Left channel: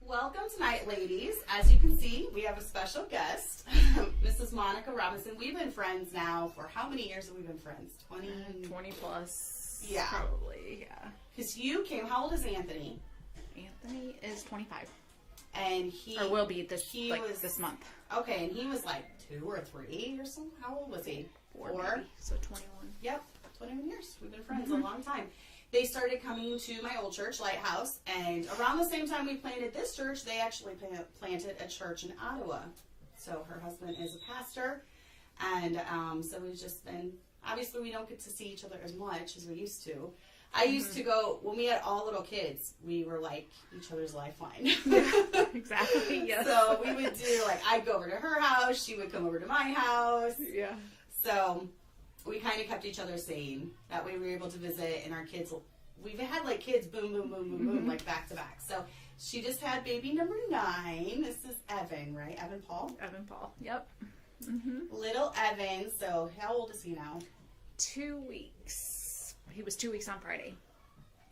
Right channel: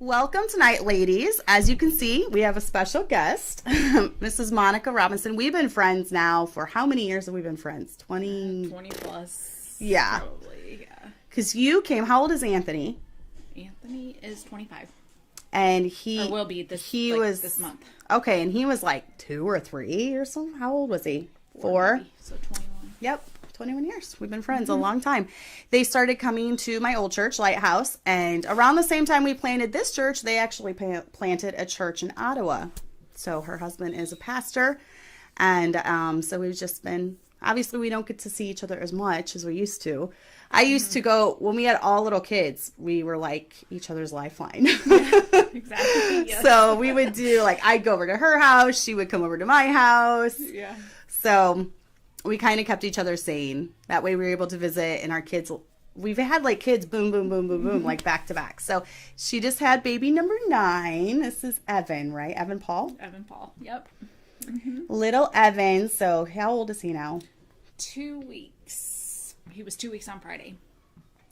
Welcome tonight, ladies. As you can see, we have a special guest, Mrs. Monica Robinson. We've been friends now for how many years have we been friends? 20 plus. Yeah. Probably, yeah. Because you came, how old is Anthony? Anthony is 25. And he... Or will be this month. Okay, and he was like 2 or 3 or something. How old was he? 4? Maybe. So 21. Yep. 21 years. We've been friends a long time. They started coming to my old church, Lighthouse, and around the same time we planted this church, they actually planted a church in Ottawa. So her husband is a pastor, and so we've just been, obviously we don't get to see each other as much as we used to. I used to go, when we had all little kids, we were like each other's lifeline. Exactly, yes. So we would do, like, I'd go over to her house, she would come over to my house. Yeah. So we kind of kept each other sane. That way we were able to visit, and our kids, we've had like kids boom, boom, boom, boom, boom, like back to back. So she just had baby number 9. This is Evan, right? Evan Paul? Evan Paul, yep. Little Evan. So how old is he now? 2 weeks. He was 2 weeks on Friday.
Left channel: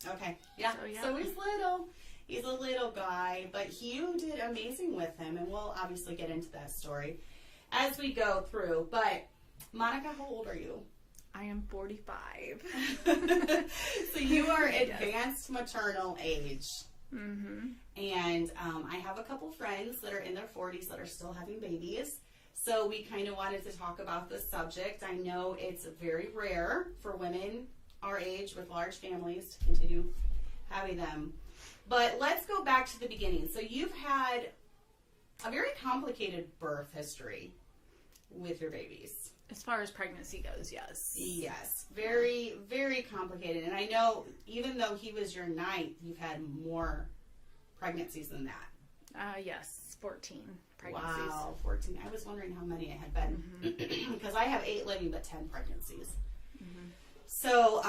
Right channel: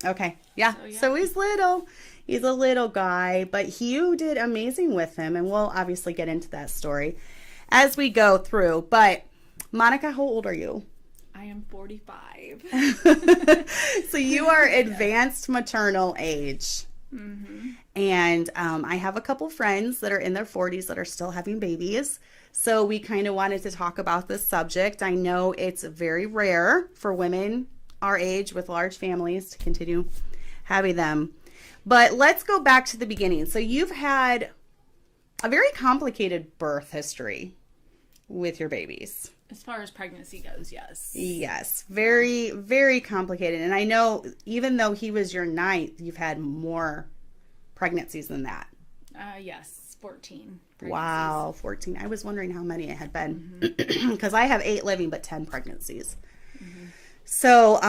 Okay. Yeah. So he's little. He's a little guy, but you did amazing with him, and we'll obviously get into that story as we go through. But Monica, how old are you? I am 45. So you are advanced maternal age. Mm-hmm. And I have a couple friends that are in their 40s that are still having babies. So we kind of wanted to talk about this subject. I know it's very rare for women our age with large families to continue having them. But let's go back to the beginning. So you've had a very complicated birth history with your babies. As far as pregnancy goes, yes. Yes. Very, very complicated. And I know even though he was your 9th, you've had more pregnancies than that. Yes, 14 pregnancies. Wow, 14. I was wondering how many it had been. Because I have 8 living, but 10 pregnancies. So,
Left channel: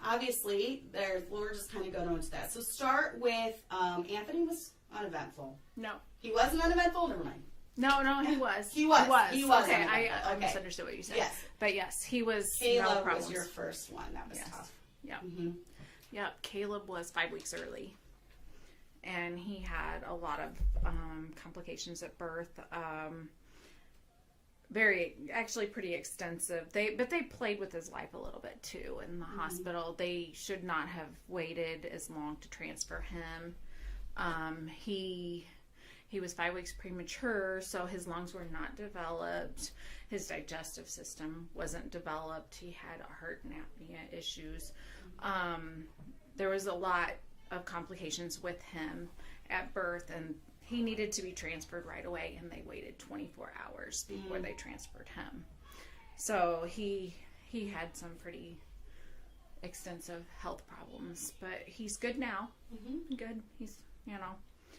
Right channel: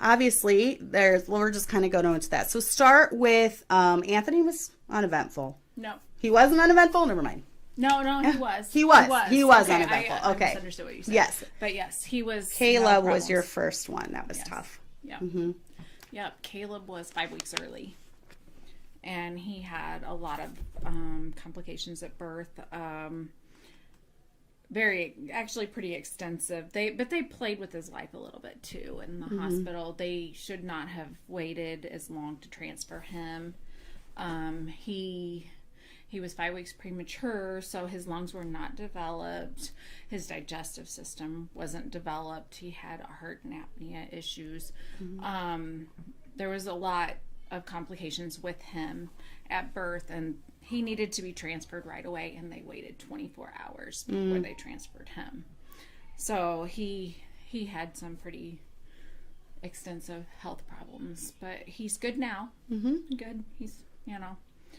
obviously, we're just kind of going into that. So start with, Anthony was uneventful. No. He wasn't uneventful? Never mind. No, he was. He was okay, uneventful. Okay. I misunderstood what you said. Yes. But yes, he was. Caleb was your first one. That was tough. Yeah. Mm-hmm. Yeah. Caleb was 5 weeks early. And he had a lot of complications at birth. Actually pretty extensive. But they played with his life a little bit too in the hospital. They should not have waited as long to transfer him. He was 5 weeks premature, so his lungs were not developed. His digestive system wasn't developed. He had heart and apnea issues. There was a lot of complications with him at birth, and he needed to be transferred right away, and they waited 24 hours before they transferred him. So he had some pretty extensive health problems, but he's good now. Good. He's,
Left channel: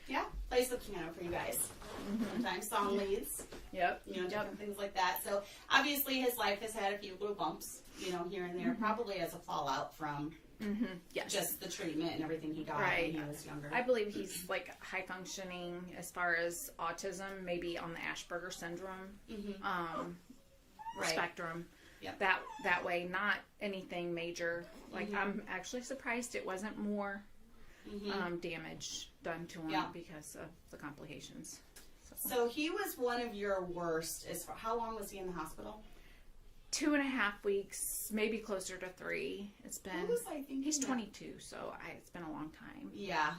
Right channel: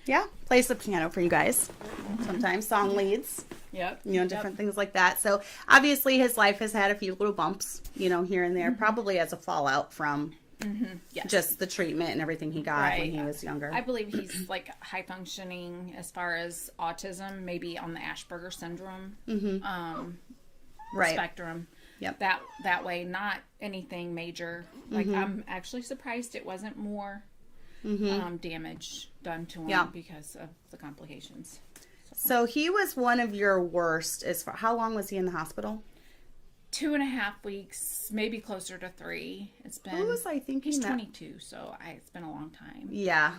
Yeah, plays the piano for you guys. Sometimes song leads. Yep. Different things like that. So obviously his life has had a few little bumps, here and there, probably as a fallout from just the treatment and everything he got when he was younger. I believe he's like high functioning as far as autism, maybe on the Asperger syndrome spectrum. Yep. That way, not anything major. Like I'm actually surprised it wasn't more damage done to him because of the complications. So he was one of your worst. How long was he in the hospital? 2.5 weeks, maybe closer to 3. It's been. Who was I thinking? He's 22, so it's been a long time. Yeah.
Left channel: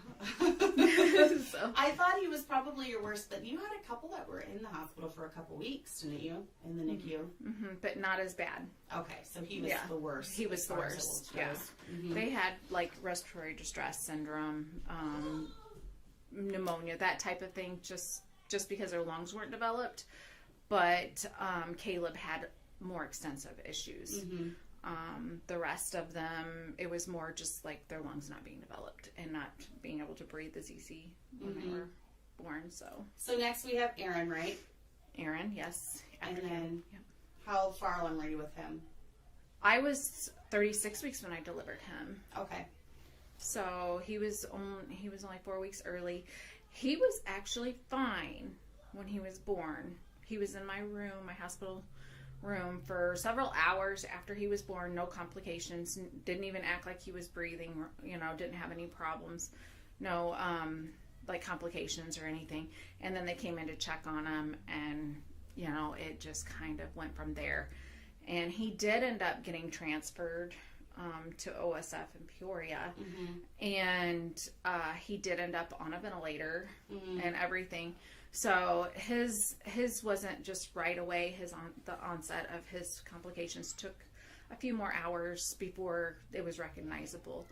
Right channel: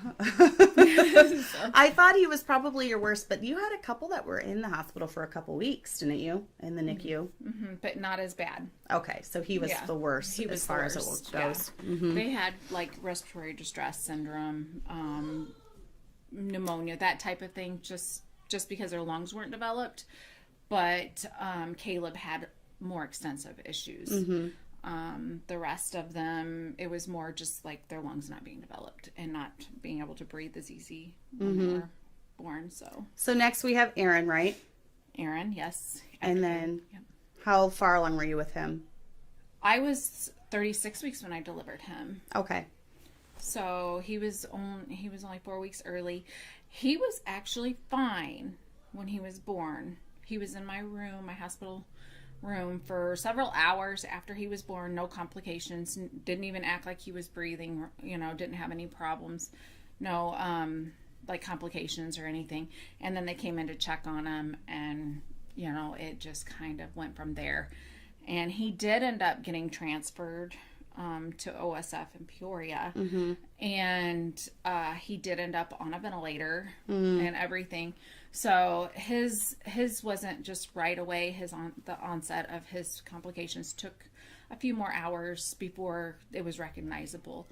I thought he was probably your worst, but you had a couple that were in the hospital for a couple weeks, didn't you? In the NICU. But not as bad. Okay, so he was the worst. He was as far as it goes. Yeah. They had like respiratory distress syndrome, pneumonia, that type of thing. Just because their lungs weren't developed, but Caleb had more extensive issues. The rest of them, it was more just like their lungs not being developed and not being able to breathe as easy when they were born. So next we have Aaron, right? Aaron, yes. And then how far along were you with him? I was 36 weeks when I delivered him. Okay. So he was only 4 weeks early. He was actually fine when he was born. He was in my room, my hospital room, for several hours after he was born. No complications. Didn't even act like he was breathing. Didn't have any problems. No like complications or anything. And then they came in to check on him, and it just kind of went from there. And he did end up getting transferred to OSF in Peoria, and he did end up on a ventilator and everything. So his wasn't just right away. The onset of his complications took a few more hours before it was recognizable.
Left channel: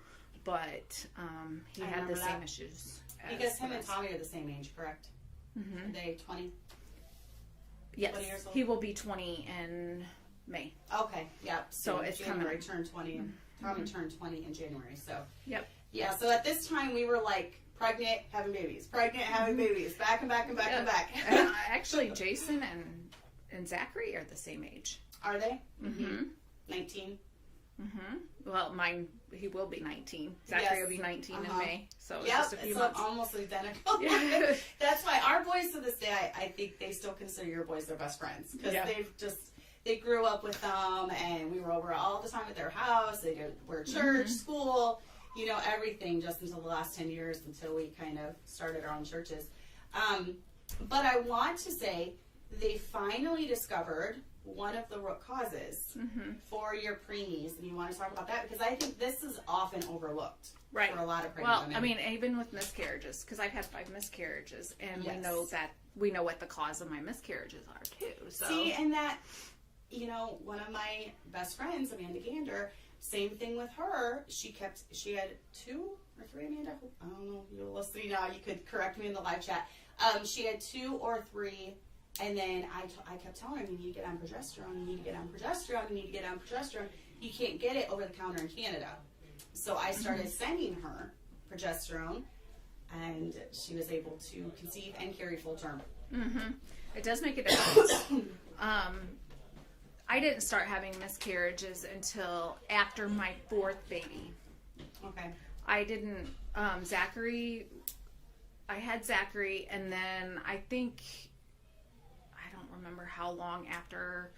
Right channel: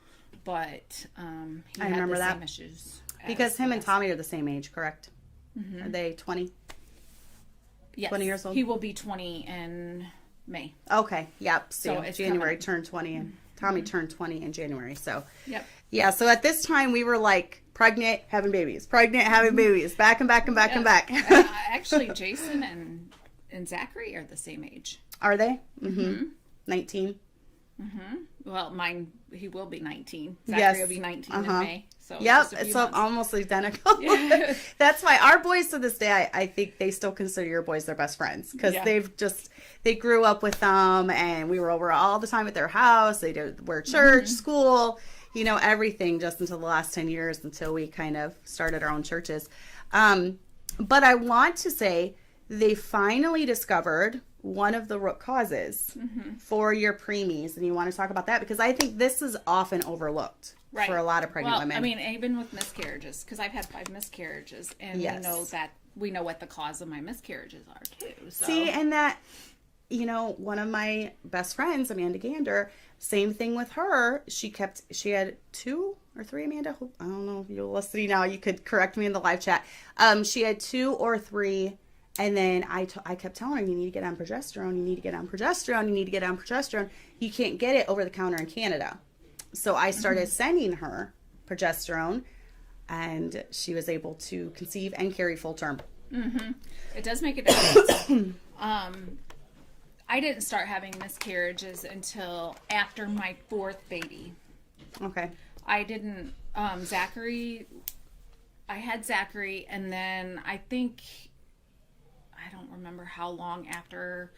But he had the same issues. Because him and Tommy are the same age, correct? Are they 20? Yes. 20 years old? He will be 20 in May. Okay, yep. So it's January turned 20, and Tommy turned 20 in January. So, yep. Yeah, so at this time we were like pregnant, having babies, back and back and back and back. Actually, Jason and Zachary are the same age. Are they? 19? Well, he will be 19. Zachary will be 19 in May. So so almost identical. Yeah. That's why our boys to this day, I think they still consider your boys their best friends, because they grew up with them, and we were over all the time at their house. They were church, school, everything, just until the last 10 years, until we kind of started our own churches. But I want to say they finally discovered one of the root causes for your preemies, and you want to talk about that, because I think this is often overlooked for a lot of pregnant women. I mean, even with miscarriages, because I've had 5 miscarriages, and we know what the cause of my miscarriages are too. So. See, and that, one of my best friends, Amanda Gander, same thing with her. She had 2 or 3, Amanda. I don't know if you're listening now. You could correct me in the live chat. She had 2 or 3. And then I kept telling her, you need to get on progesterone, you need to get on progesterone, you need to get on progesterone. You can't get it over the counter in Canada. So I started sending her progesterone, and she was able to conceive and carry full term. It does make a difference. I didn't start having miscarriages until after my 4th baby. Okay. I didn't, Zachary, I had Zachary, and then I think... I don't remember how long after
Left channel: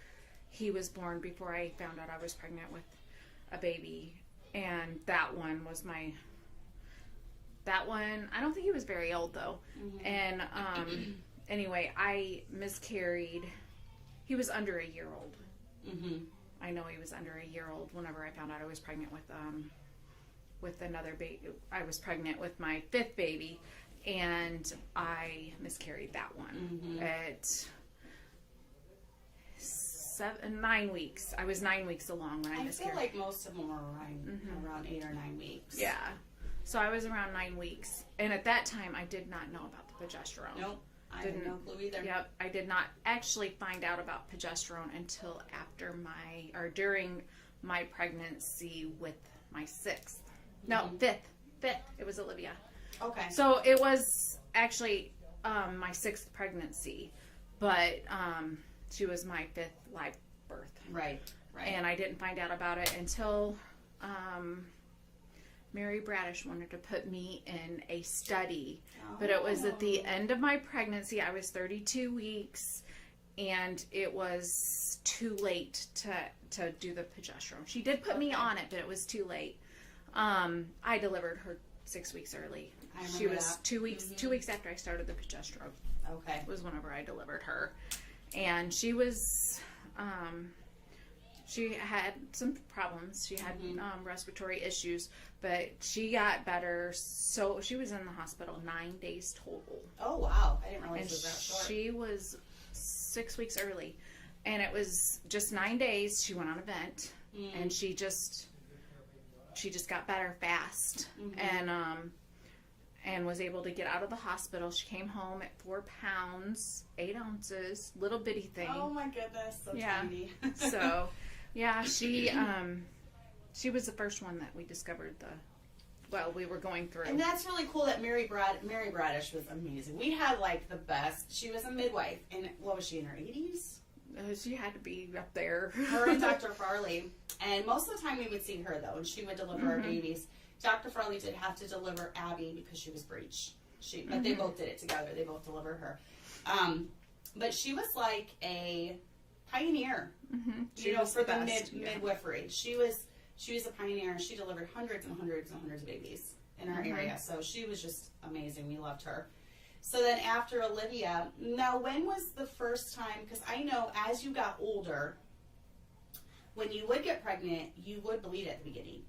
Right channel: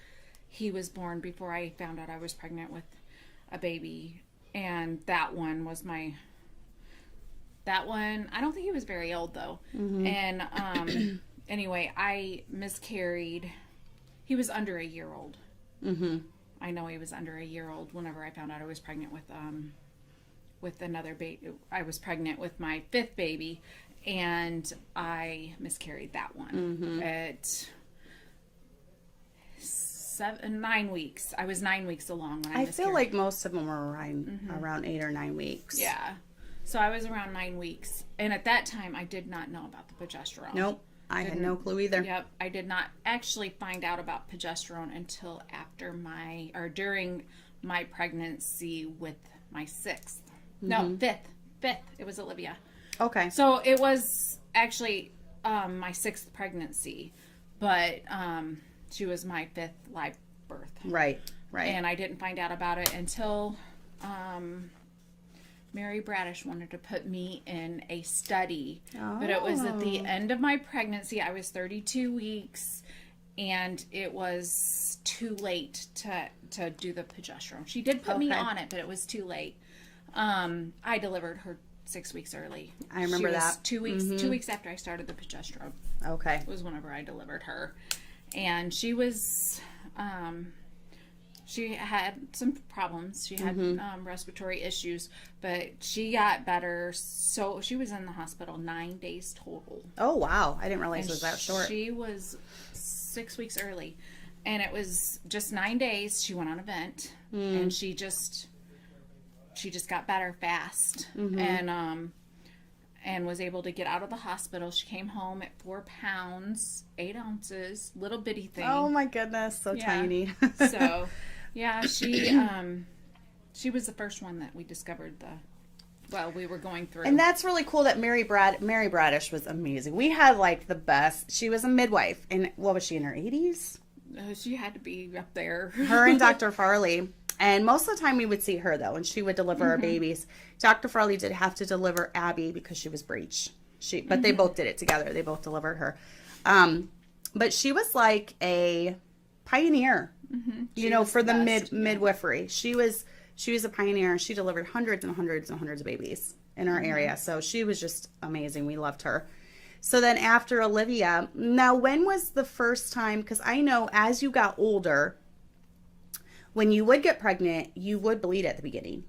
he was born before I found out I was pregnant with a baby. And that one, I don't think he was very old though. And anyway, I miscarried. He was under a year old. I know he was under a year old whenever I found out I was pregnant with another baby. I was pregnant with my 5th baby, and I miscarried that one at 9 weeks. I was 9 weeks along when I miscarried. I feel like most of them were around 8 or 9 weeks. Yeah. So I was around 9 weeks. And at that time, I did not know about the progesterone. Nope. I had no clue either. Yep. I did not actually find out about progesterone until during my pregnancy with my 6th. No, 5th. It was Olivia. Okay. So it was actually my 6th pregnancy. But... she was my 5th live birth. Right. And I didn't find out about it until Mary Bradish wanted to put me in a study. But it was at the end of my pregnancy. I was 32 weeks, and it was too late to do the progesterone. She did put me on it, but it was too late. I delivered her 6 weeks early. I remember that. 2 weeks. 2 weeks after I started the progesterone. Okay. Was whenever I delivered her. And she was, she had some problems. She had respiratory issues, but she got better. So she was in the hospital 9 days total. Oh, wow. I didn't realize it was that short. She was 6 weeks early. And it was just 9 days. She went on a vent, and she just got better fast. And was able to get out of the hospital. She came home at 4 pounds, 8 ounces, little bitty thing. Oh my goodness, so tiny. So, yeah, she was the first one that we discovered we were going through. And that's really cool that Mary Bradish was amazing. We had like the best. She was a midwife, and what was she, in her 80s? She had to be up there. Her and Dr. Farley. And most of the time we would see her, though, and she would deliver our babies. Dr. Farley did have to deliver Abby because she was breech. But they both did it together. They both delivered her. But she was like a pioneer, for the midwifery. She was a pioneer. She delivered hundreds and hundreds and hundreds of babies in our area. So she was just amazing. We loved her. So then after Olivia, now when was the first time, because I know as you got older, when you would get pregnant, you would bleed at the beginning.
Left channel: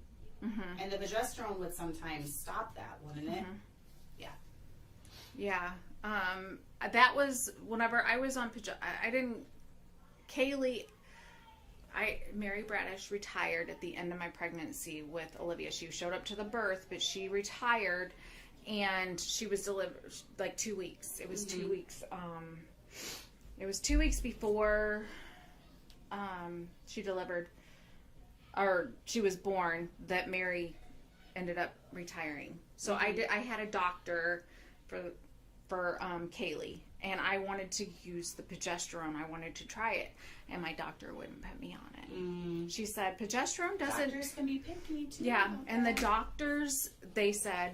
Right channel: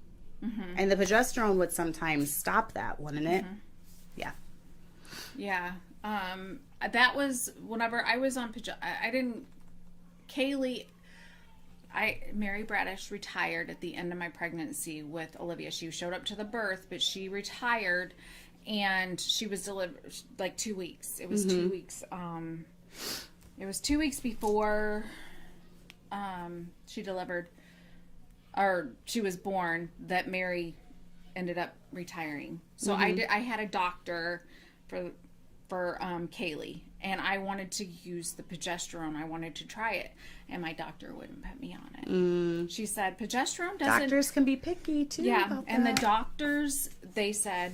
And the progesterone would sometimes stop that, wouldn't it? Yeah. Yeah. That was whenever I was on Mary Bradish retired at the end of my pregnancy with Olivia. She showed up to the birth, but she retired, and she was delivered like 2 weeks. It was 2 weeks. It was 2 weeks before she delivered, or she was born, that Mary ended up retiring. So I had a doctor for Kaylee, and I wanted to use the progesterone. I wanted to try it, and my doctor wouldn't put me on it. She said progesterone doesn't. Doctors can be picky too. Yeah, about and that. the doctors, they said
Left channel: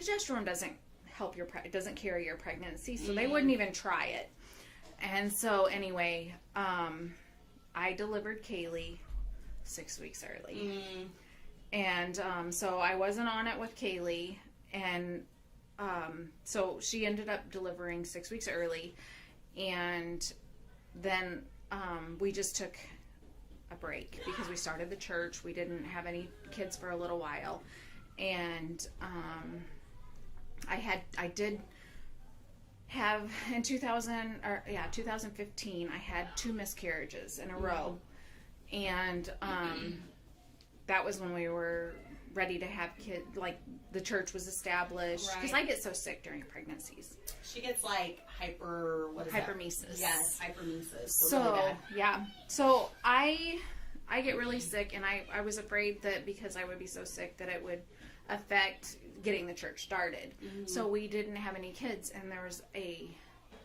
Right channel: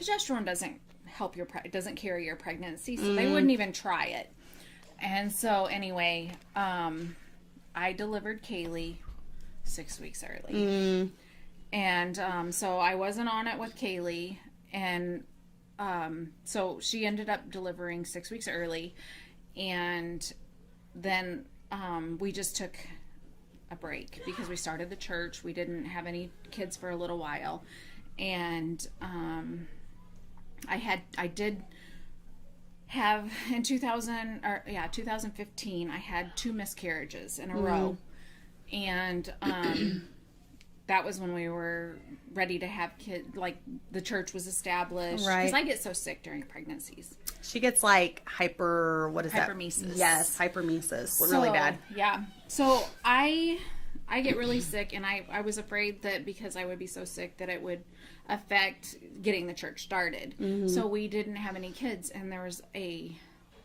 progesterone doesn't help it doesn't carry your pregnancy, so they wouldn't even try it. And so anyway, I delivered Kaylee 6 weeks early. And so I wasn't on it with Kaylee, and so she ended up delivering 6 weeks early, and then we just took a break because we started the church. We didn't have any kids for a little while, and I did have in 2015 I had 2 miscarriages in a row, and that was when we were ready to have kids. Like the church was established, right? Because I get so sick during pregnancies. She gets like hypermesis. Yes, hypermesis. Really bad. Yeah. So I get really sick, and I was afraid that because I would be so sick that it would affect getting the church started. So we didn't have any kids, and there was a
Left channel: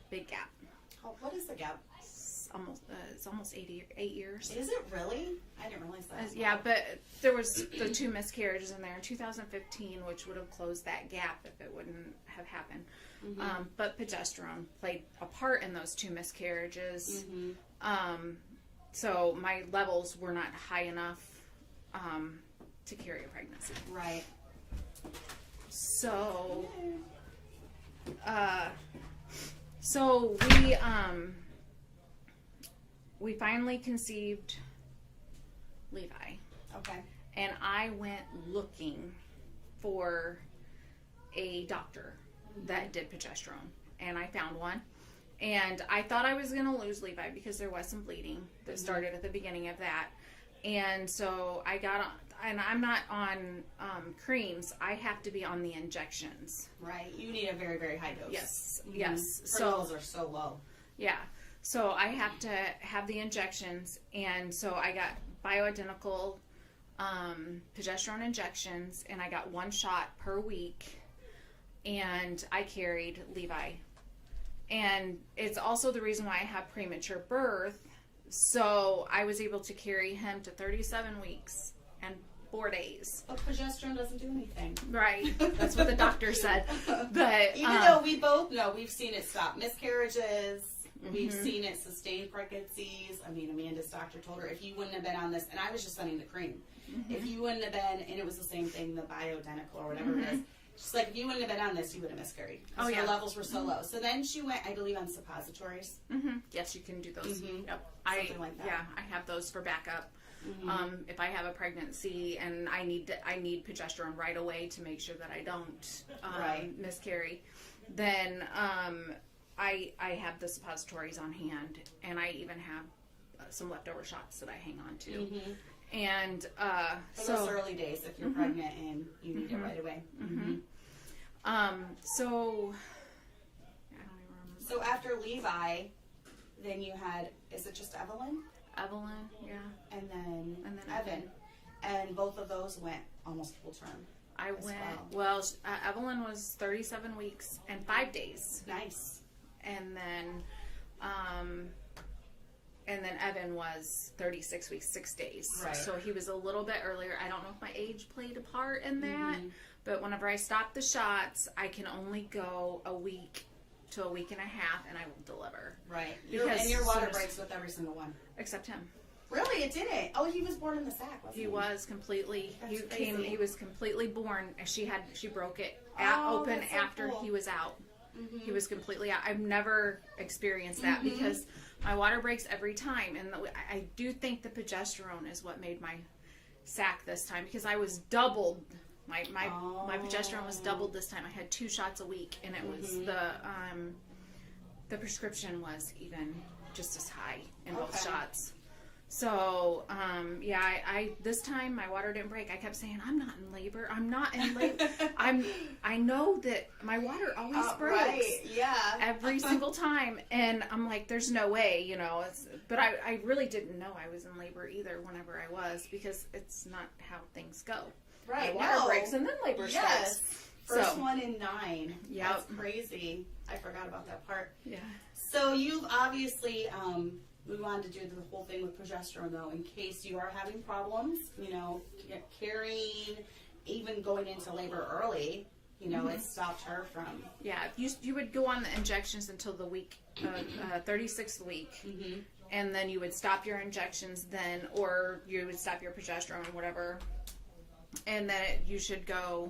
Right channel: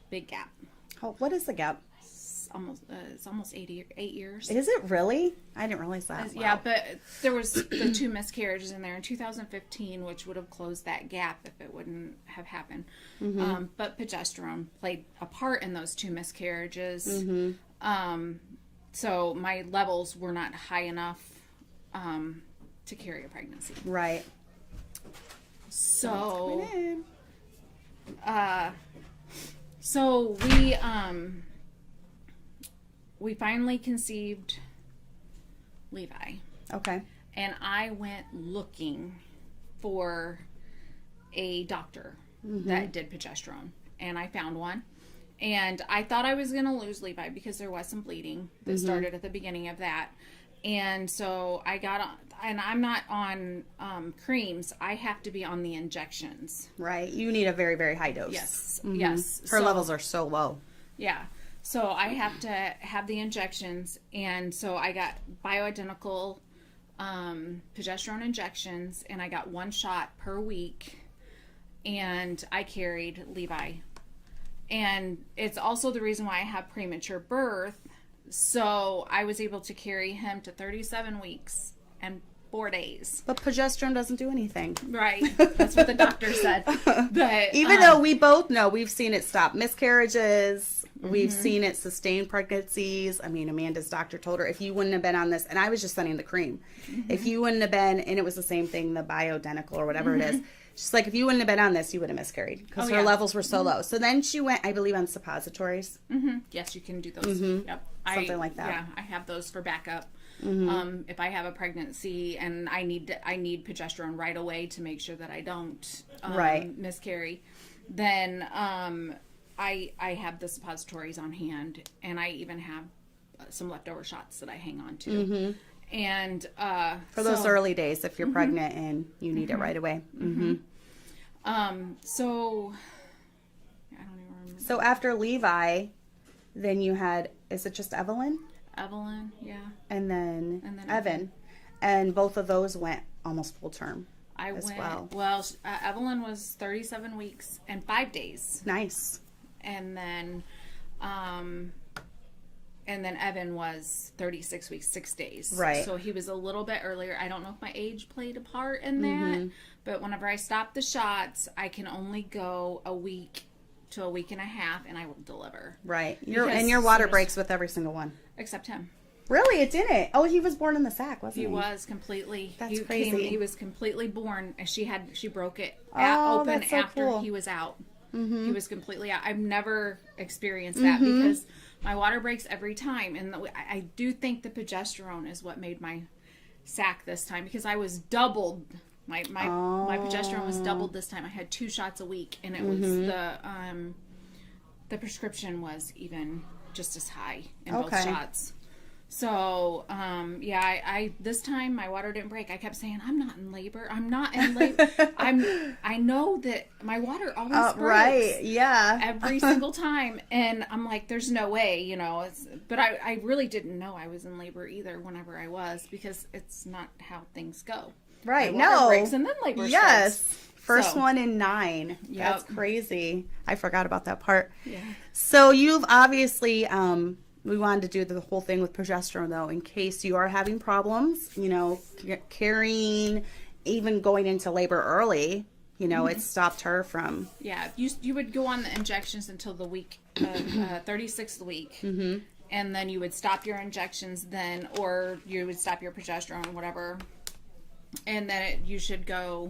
big gap. Oh, what is the gap? It's almost 8 years. Is it really? I didn't realize that. Yeah, but there was the 2 miscarriages in there in 2015, which would have closed that gap if it wouldn't have happened. But progesterone played a part in those 2 miscarriages. So my levels were not high enough to carry a pregnancy. Right. So, we finally conceived Levi. Okay. And I went looking for a doctor that did progesterone. And I found one. And I thought I was going to lose Levi because there was some bleeding that started at the beginning of that. And so I got on, and I'm not on creams. I have to be on the injections. Right. You need a very, very high dose. Yes. Yes. Her levels are so low. Yeah. So I have to have the injections. And so I got bioidentical progesterone injections, and I got 1 shot per week. And I carried Levi. And it's also the reason why I have premature birth. So I was able to carry him to 37 weeks and 4 days. But progesterone doesn't do anything. Right. That's what the doctor said. But even though we both know, we've seen it stop miscarriages. We've seen it sustain pregnancies. I mean, Amanda's doctor told her, if you wouldn't have been on this, and I was just sending the cream. If you wouldn't have been, and it was the same thing, the bioidentical or whatever it is. She's like, if you wouldn't have been on this, you would have miscarried because her levels were so low. So then she went, I believe, on suppositories. Yes, you can do those. Yep. Something like that. Yeah, I have those for backup. If I have a pregnancy and I need progesterone right away to make sure that I don't miscarry, then I have the suppositories on hand, and I even have some leftover shots that I hang on to. And for those early days, if you're pregnant and you need it right away. So I don't even remember. So after Levi, then you had, is it just Evelyn? Evelyn, yeah. And then Evan. And both of those went almost full term. Evelyn was 37 weeks and 5 days. Nice. And then Evan was 36 weeks, 6 days. Right. So he was a little bit earlier. I don't know if my age played a part in that, but whenever I stop the shots, I can only go a week to a week and a half, and I will deliver. Right. Your water breaks with every single one. Except him. Really? It didn't? Oh, he was born in the sack, wasn't he? He was completely. That's crazy. He was completely born, and she broke it Oh, open that's so after cool. he was out. Mm-hmm. He was completely out. I've never experienced that because my water breaks every time, and I do think the progesterone is what made my sack this time, because I was doubled. My progesterone was doubled this time. I had 2 shots a week, and it was the prescription was even just as high in both shots. So, I this time my water didn't break. I kept saying, I'm not in labor. I'm not in labor. I know that my water always breaks. Right, yeah. Every single time. And I'm like, there's no way, you know. But I really didn't know I was in labor either whenever I was, because it's not how things go. Right, my water no. breaks and then labor Yes. starts. First one in 9. Yep. That's crazy. I forgot about that part. Yeah. So you've obviously, we wanted to do the whole thing with progesterone, though, in case you are having problems, you know, carrying, even going into labor early, you know, it stopped her from. Yeah, you would go on the injections until the week, 36th week, and then you would stop your injections then, or you would stop your progesterone, whatever, and then you should go,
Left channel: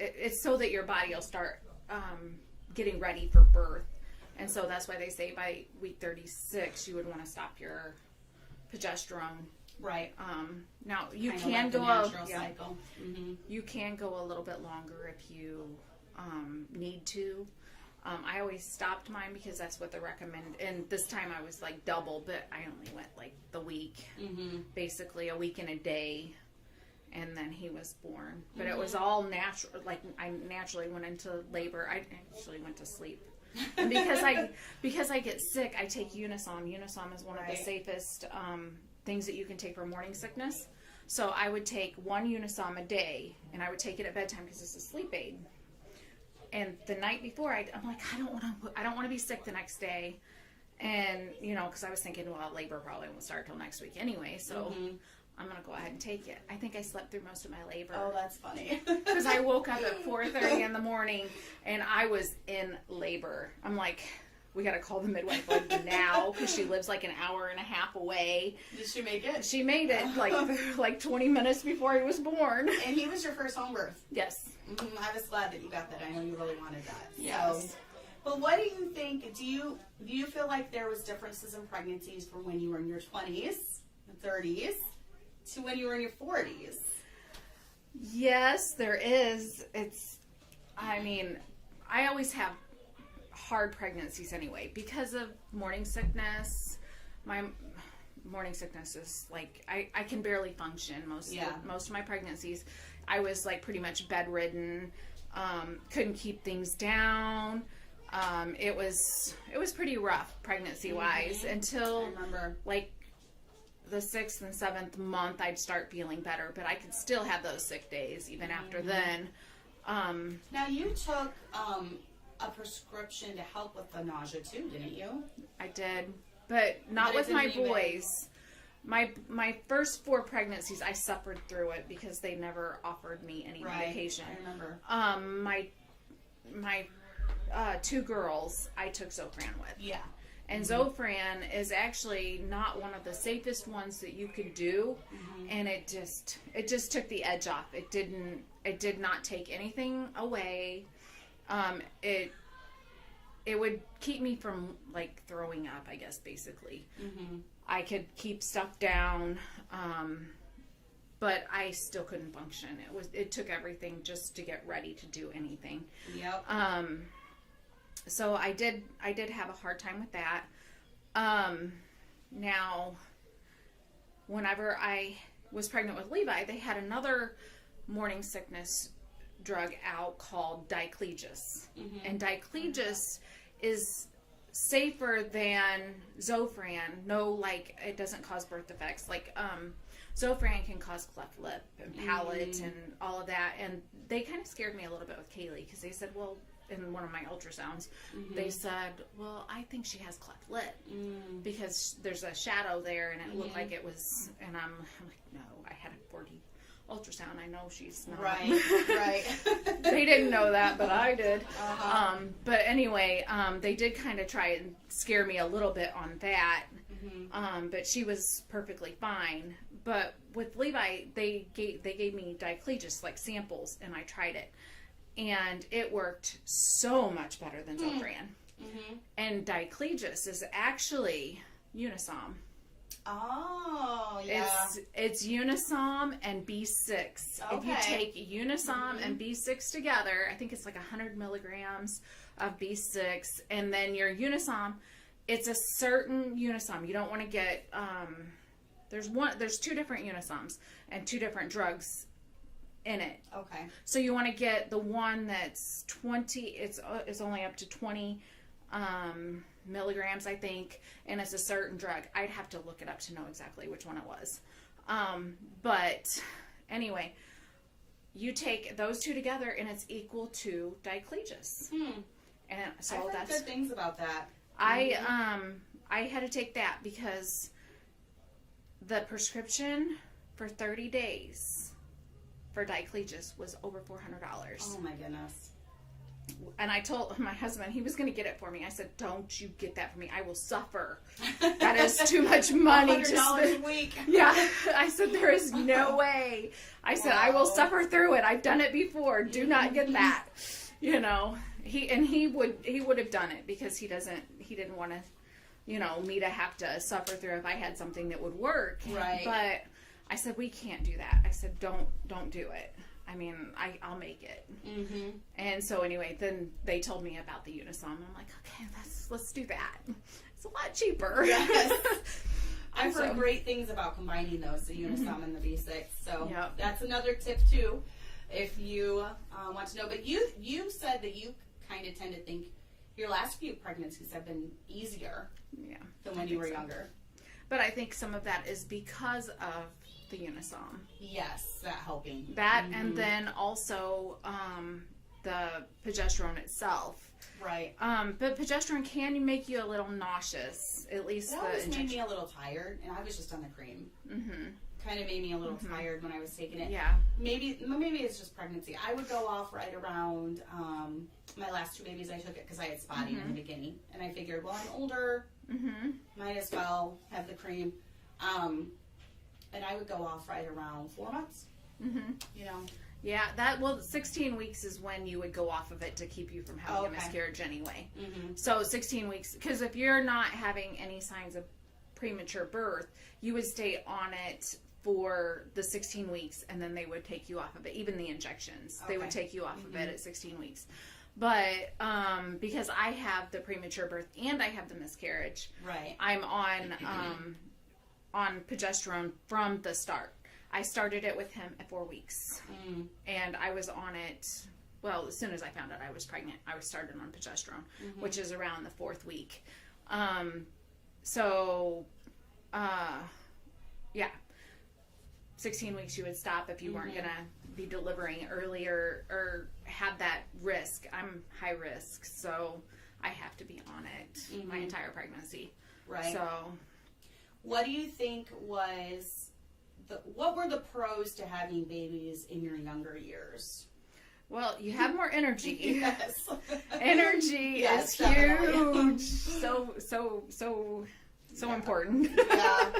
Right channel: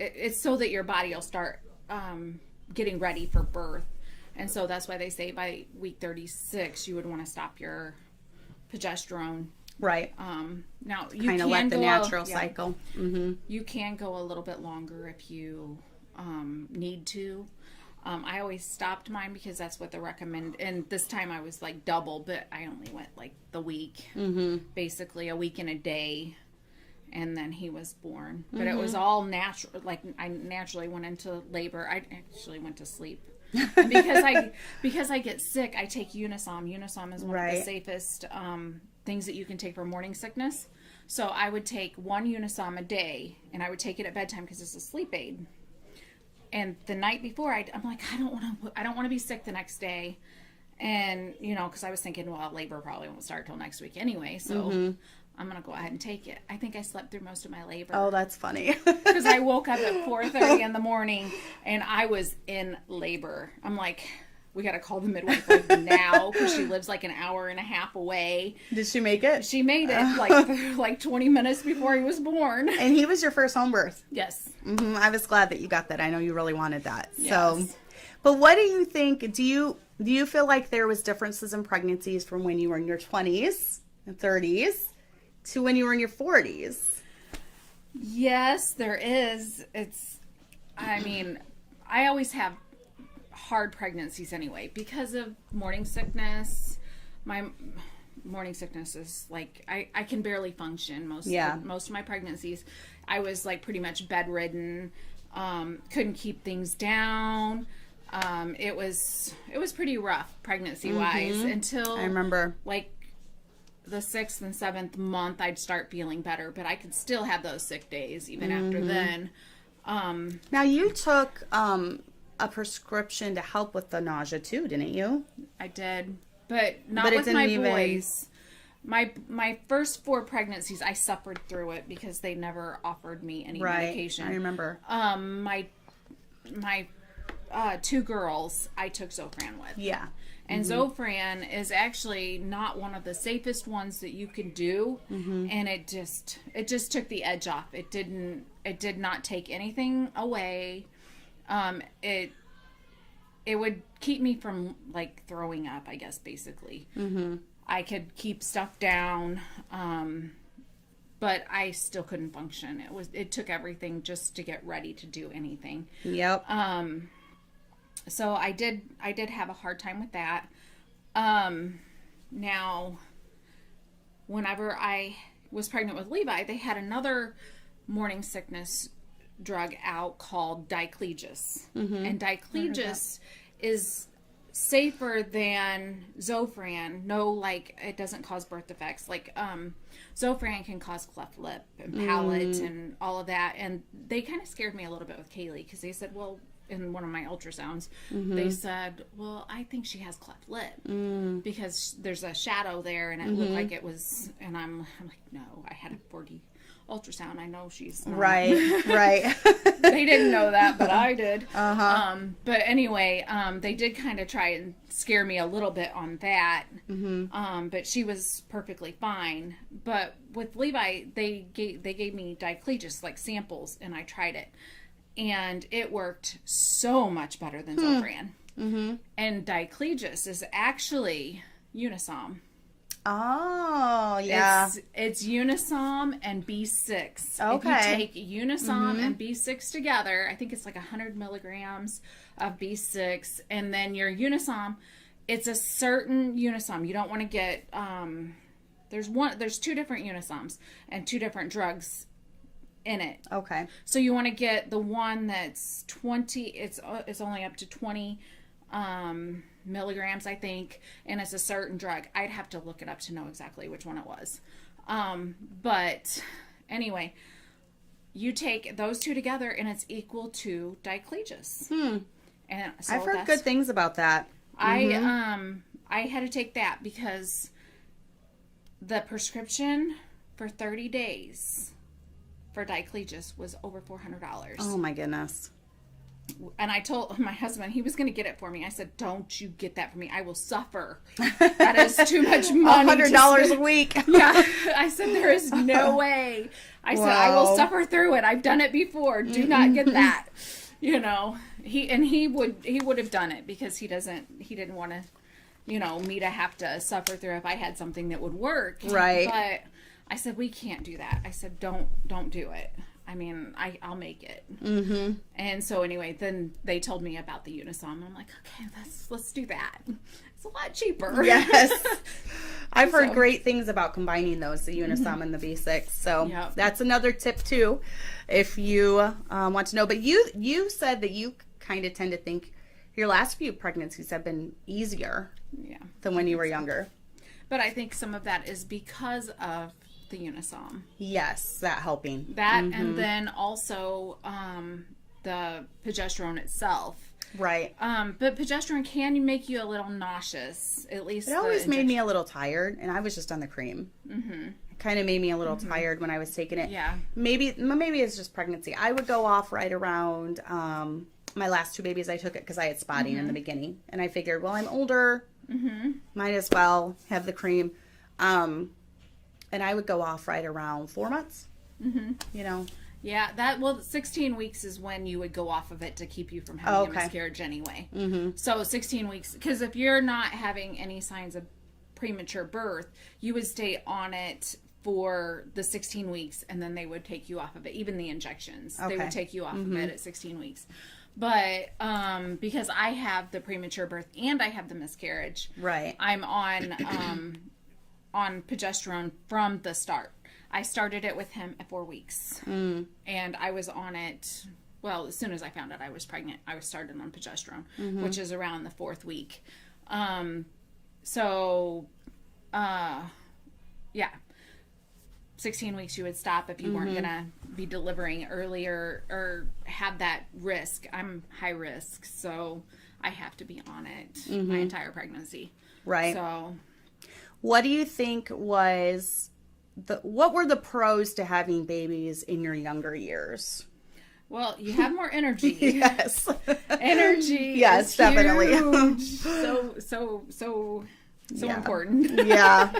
it's so that your body will start getting ready for birth. And so that's why they say by week 36 you would want to stop your progesterone. Right. Now you kind of can let the go natural cycle. Mm-hmm. You can go a little bit longer if you need to. I always stopped mine because that's what they recommend. And this time I was like double, but I only went like the week, basically a week and a day. And then he was born. But it was all natural. Like I naturally went into labor. I actually went to sleep. because I get sick, I take Unisom. Unisom is one of the safest things that you can take for morning sickness. So I would take 1 Unisom a day, and I would take it at bedtime because it's a sleep aid. And the night before, I'm like, I don't want to be sick the next day, and you know, because I was thinking, well, labor probably won't start till next week anyway, so. I'm going to go ahead and take it. I think I slept through most of my labor. Oh, that's funny. Because I woke up at 4:30 in the morning, and I was in labor. I'm like, we got to call the midwife like now, because she lives like an hour and a half away. Did she make it? She made it like 20 minutes before he was born. And he was your first home birth? Yes. Mm-hmm. I was glad that you got that. I know you really wanted that. Yes. So, but what do you think? Do you feel like there was differences in pregnancies from when you were in your 20s and 30s to when you were in your 40s? Yes, there is. I mean, I always have hard pregnancies anyway because of morning sickness. My morning sickness is like, I can barely function most of my pregnancies. I was like pretty much bedridden, couldn't keep things down. It was pretty rough pregnancy wise until I remember like the 6th and 7th month, I'd start feeling better, but I could still have those sick days even after then. Now you took a prescription to help with the nausea too, didn't you? I did, but not with my boys. My first 4 pregnancies, I suffered through it because they never offered me any medication. I remember. My 2 girls, I took Zofran with. Yeah. And Zofran is actually not one of the safest ones that you can do, and it just took the edge off. It did not take anything away. It would keep me from like throwing up, I guess, basically. I could keep stuff down, but I still couldn't function. It took everything just to get ready to do anything. Yep. So I did have a hard time with that. Now, whenever I was pregnant with Levi, they had another morning sickness drug out called diclegis. And diclegis is safer than Zofran. No, like, it doesn't cause birth defects. Like, Zofran can cause cleft lip and palate and all of that. And they kind of scared me a little bit with Kaylee because they said, well, in one of my ultrasounds, they said, well, I think she has cleft lip because there's a shadow there and it looked like it was, and I'm like, no, I had ultrasound. I know she's not. Right. They didn't know that, but I did. Uh-huh. But anyway, they did kind of try and scare me a little bit on that. But she was perfectly fine. But with Levi, they gave me diclegis, like samples, and I tried it. And it worked so much better than Zofran. And diclegis is actually Unisom. Oh, yeah. It's Unisom and B6. Okay. If you take Unisom and B6 together, I think it's like 100 milligrams of B6, and then your Unisom, it's a certain Unisom. You don't want to get, there's 2 different Unisoms and 2 different drugs in it. Okay. So you want to get the one that's 20, it's only up to 20 milligrams, I think, and it's a certain drug. I'd have to look it up to know exactly which one it was. But anyway, you take those 2 together and it's equal to diclegis. And so I've heard good things about that. I had to take that because the prescription for 30 days for diclegis was over $400. Oh my goodness. And I told my husband he was going to get it for me. I said, "Don't you get that for me. I will suffer. That is too much money. $100 a week." Yeah. I said, "There is no way." I said, "I will suffer through it. I've done it before. Do not get that." You know, he would have done it because he didn't want to, you know, me to have to suffer through if I had something that would work. Right. But I said, "We can't do that." I said, don't do it. I mean, I'll make it. And so anyway, then they told me about the Unisom. I'm like, okay, let's do that. It's a lot cheaper. Yes. I've heard great things about combining those, the Unisom and the B6. So that's another tip too, if you want to know. But you said that you kind of tend to think your last few pregnancies have been easier than when you were younger. But I think some of that is because of the Unisom. Yes, that helping. That and then also the progesterone itself. Right. But progesterone can make you a little nauseous. At least it always made me a little tired, and I was just on the cream. It kind of made me a little tired when I was taking it. Yeah. Maybe it's just pregnancy. I would go off right around my last 2 babies. I took it because I had spotting in the beginning, and I figured, well, I'm older, might as well have the cream. And I would go off right around 4 months, you know. Yeah, 16 weeks is when you would go off of it to keep you from having a miscarriage anyway. So 16 weeks, because if you're not having any signs of premature birth, you would stay on it for the 16 weeks, and then they would take you off of it. Even the injections, they would take you off of it at 16 weeks. But because I have the premature birth and I have the miscarriage, right, I'm on progesterone from the start. I started it with him at 4 weeks. And I was on it, well, as soon as I found out I was pregnant, I was started on progesterone, which is around the 4th week. Yeah. 16 weeks you would stop if you weren't going to be delivering earlier or have that risk. I'm high risk, so I have to be on it my entire pregnancy. Right. So what do you think what were the pros to having babies in your younger years? Well, you have more energy. Yes. Energy. Yes, is definitely. Huge. So important. Yeah.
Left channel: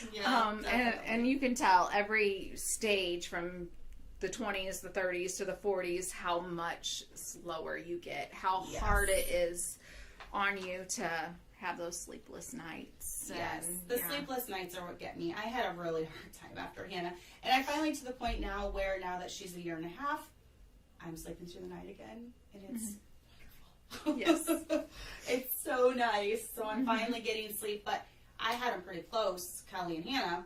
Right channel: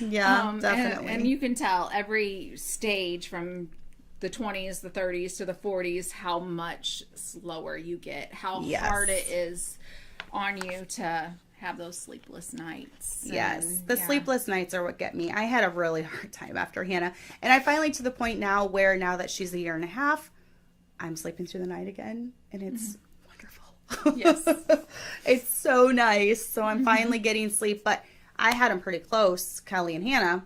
Yeah, definitely. And you can tell every stage from the 20s, the 30s to the 40s how much slower you get, how hard it is on you to have those sleepless nights. Yes, the sleepless nights are what get me. I had a really hard time after Hannah, and I finally to the point now where now that she's 1.5 years, I'm sleeping through the night again, and it's wonderful. Yes. It's so nice. So I'm finally getting sleep, but I had them pretty close, Kelly and Hannah.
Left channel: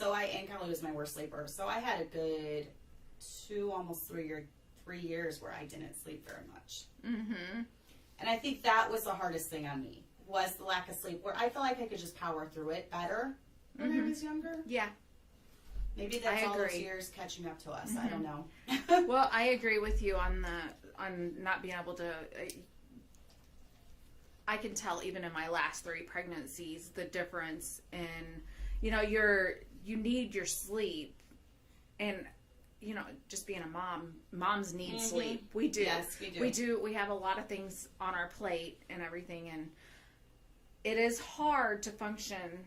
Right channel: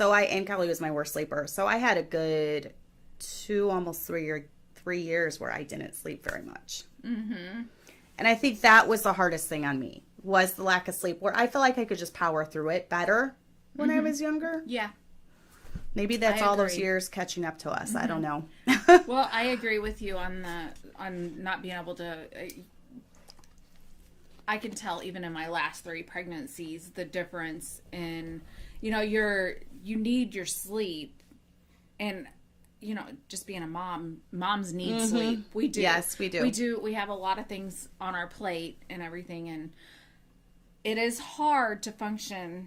And Kelly was my worst sleeper. So I had a good 2, almost 3 years where I didn't sleep very much. And I think that was the hardest thing on me, was the lack of sleep, where I feel like I could just power through it better when I was younger. Yeah. Maybe that's all those years catching up to us. I don't know. Well, I agree with you on not being able to. I can tell even in my last 3 pregnancies the difference in, you need your sleep, and just being a mom, moms need sleep. We do. Yes, we do. We do. We have a lot of things on our plate and everything, and it is hard to function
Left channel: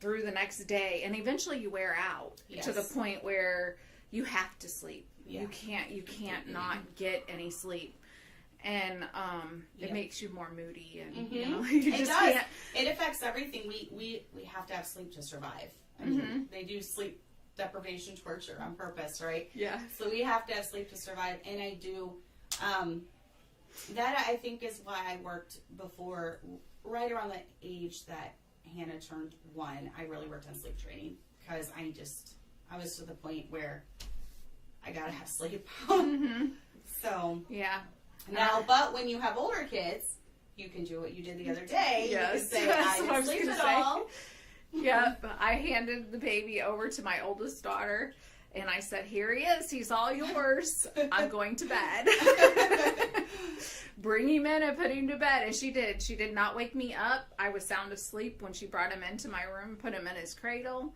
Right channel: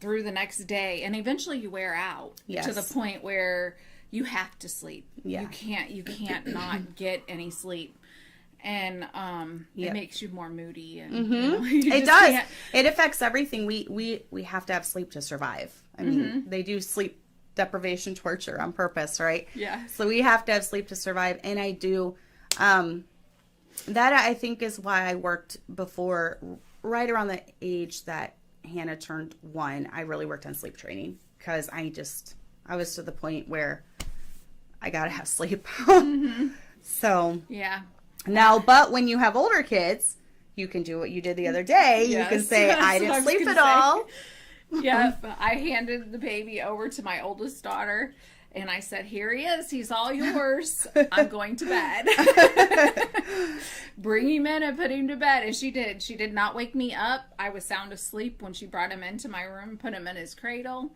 through the next day, and eventually you wear out to the point where you have to sleep. You can't not get any sleep. And it makes you more moody, and it does. Can't. It affects everything. We have to have sleep to survive. I mean, they do sleep deprivation torture on purpose, right? Yeah. So we have to have sleep to survive, and I do. That I think is why I worked before, right around the age that Hannah turned 1. I really worked on sleep training because I was to the point where I gotta have sleep. So now, but when you have older kids, you can do what you did the other day. You can say, I didn't sleep at all. Yeah, I handed the baby over to my oldest daughter, and I said, here he is. He's all yours. I'm going to bed. Bring him in and put him to bed. And she did. She did not wake me up. I was sound asleep when she brought him into my room, put him in his cradle.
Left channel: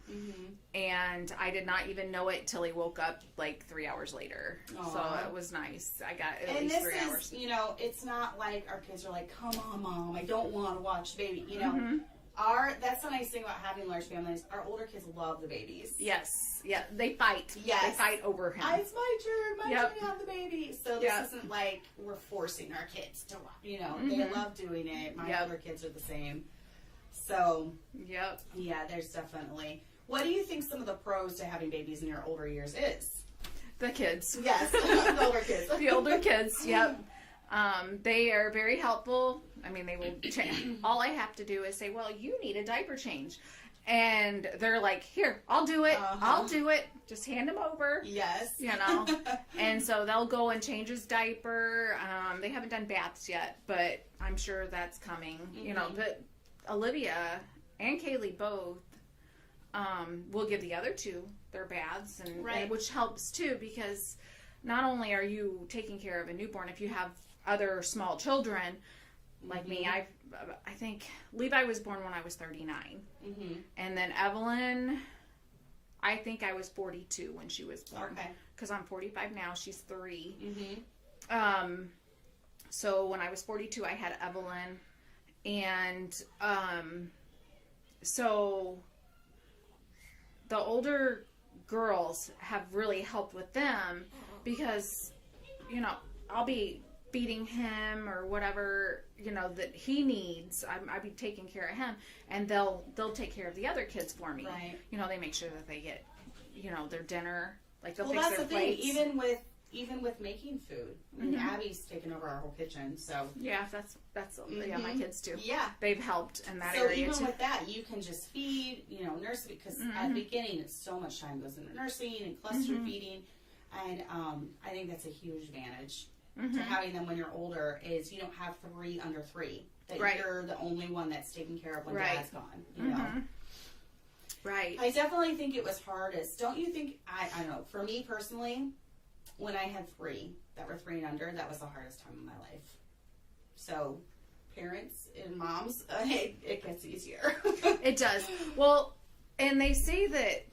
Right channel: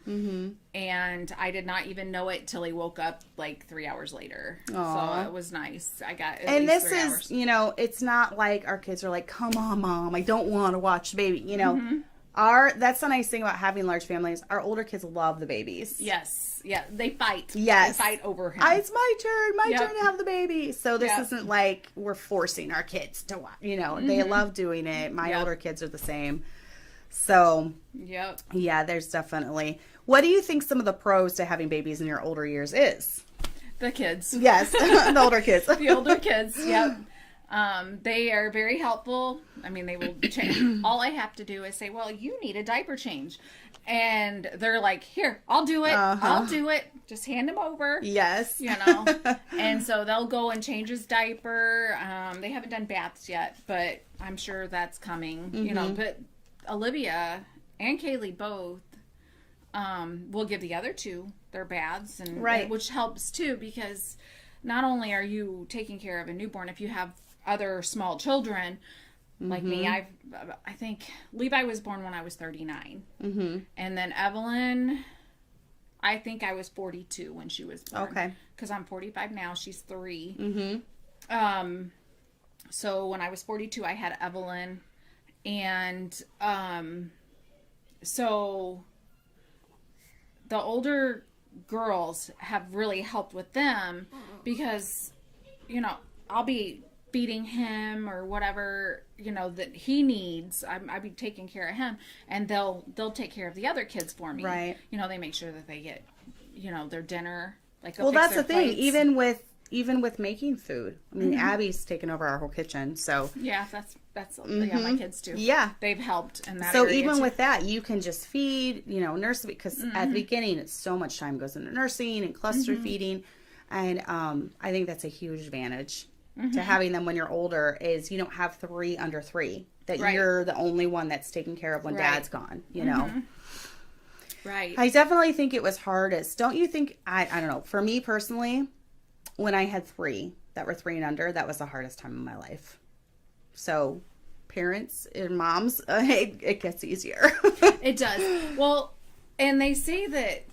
And I did not even know it till he woke up like 3 hours later. Aww. So it was nice. I got at and least this 3 is, hours. It's not like our kids are like, come on, Mom, I don't want to watch the baby. That's the nice thing about having large families. Our older kids love the babies. Yes. Yeah, they fight. Yes. They fight over him. It's my turn. My turn to have the baby. So this isn't like we're forcing our kids to watch. They love doing it. My older kids are the same. So, yeah, there's definitely. What do you think some of the pros to having babies in your older years is? The kids. Yes, the older kids. The older kids, yep. They are very helpful. I mean, they will change. All I have to do is say, well, you need a diaper change. And they're like, here, I'll do it. I'll do it. Just hand him over. Yes. And so they'll go and change his diaper. They haven't done baths yet, but I'm sure that's coming. But Olivia and Kaylee both will give the other two their baths, and which helps too, because not only are you taking care of a newborn, if you have other small children like me, I think Levi was born when I was 39, and then Evelyn, I think I was 42 when she was born. Okay, because I'm 45 now. She's 3. So when I was 42, I had Evelyn, and so the older girls have really helped with them, because I'll be feeding him or whatever that he needs. I'll be taking care of him, and they'll take care of the other kids for me. Right. They make sure that they get their dinner. Like, well, that's the thing. Plates. Even with making food. I mean, Abby's taken over our whole kitchen, so yeah, that's my kids too. Yeah, they've helped in that. So area even too. with that, you can just feed, nurse, because at the beginning, it's so much time goes into nursing and cluster feeding, and I think that's a huge advantage to having them when you're older. Is you don't have 3 under 3 that you're the only one that's taken care of when Dad's gone. Right. I definitely think it was hardest. Don't you think? I don't know. For me personally, when I had 3 that were 3 and under, that was the hardest time of my life. So, parents and moms, it gets easier. It does. Well, and they say that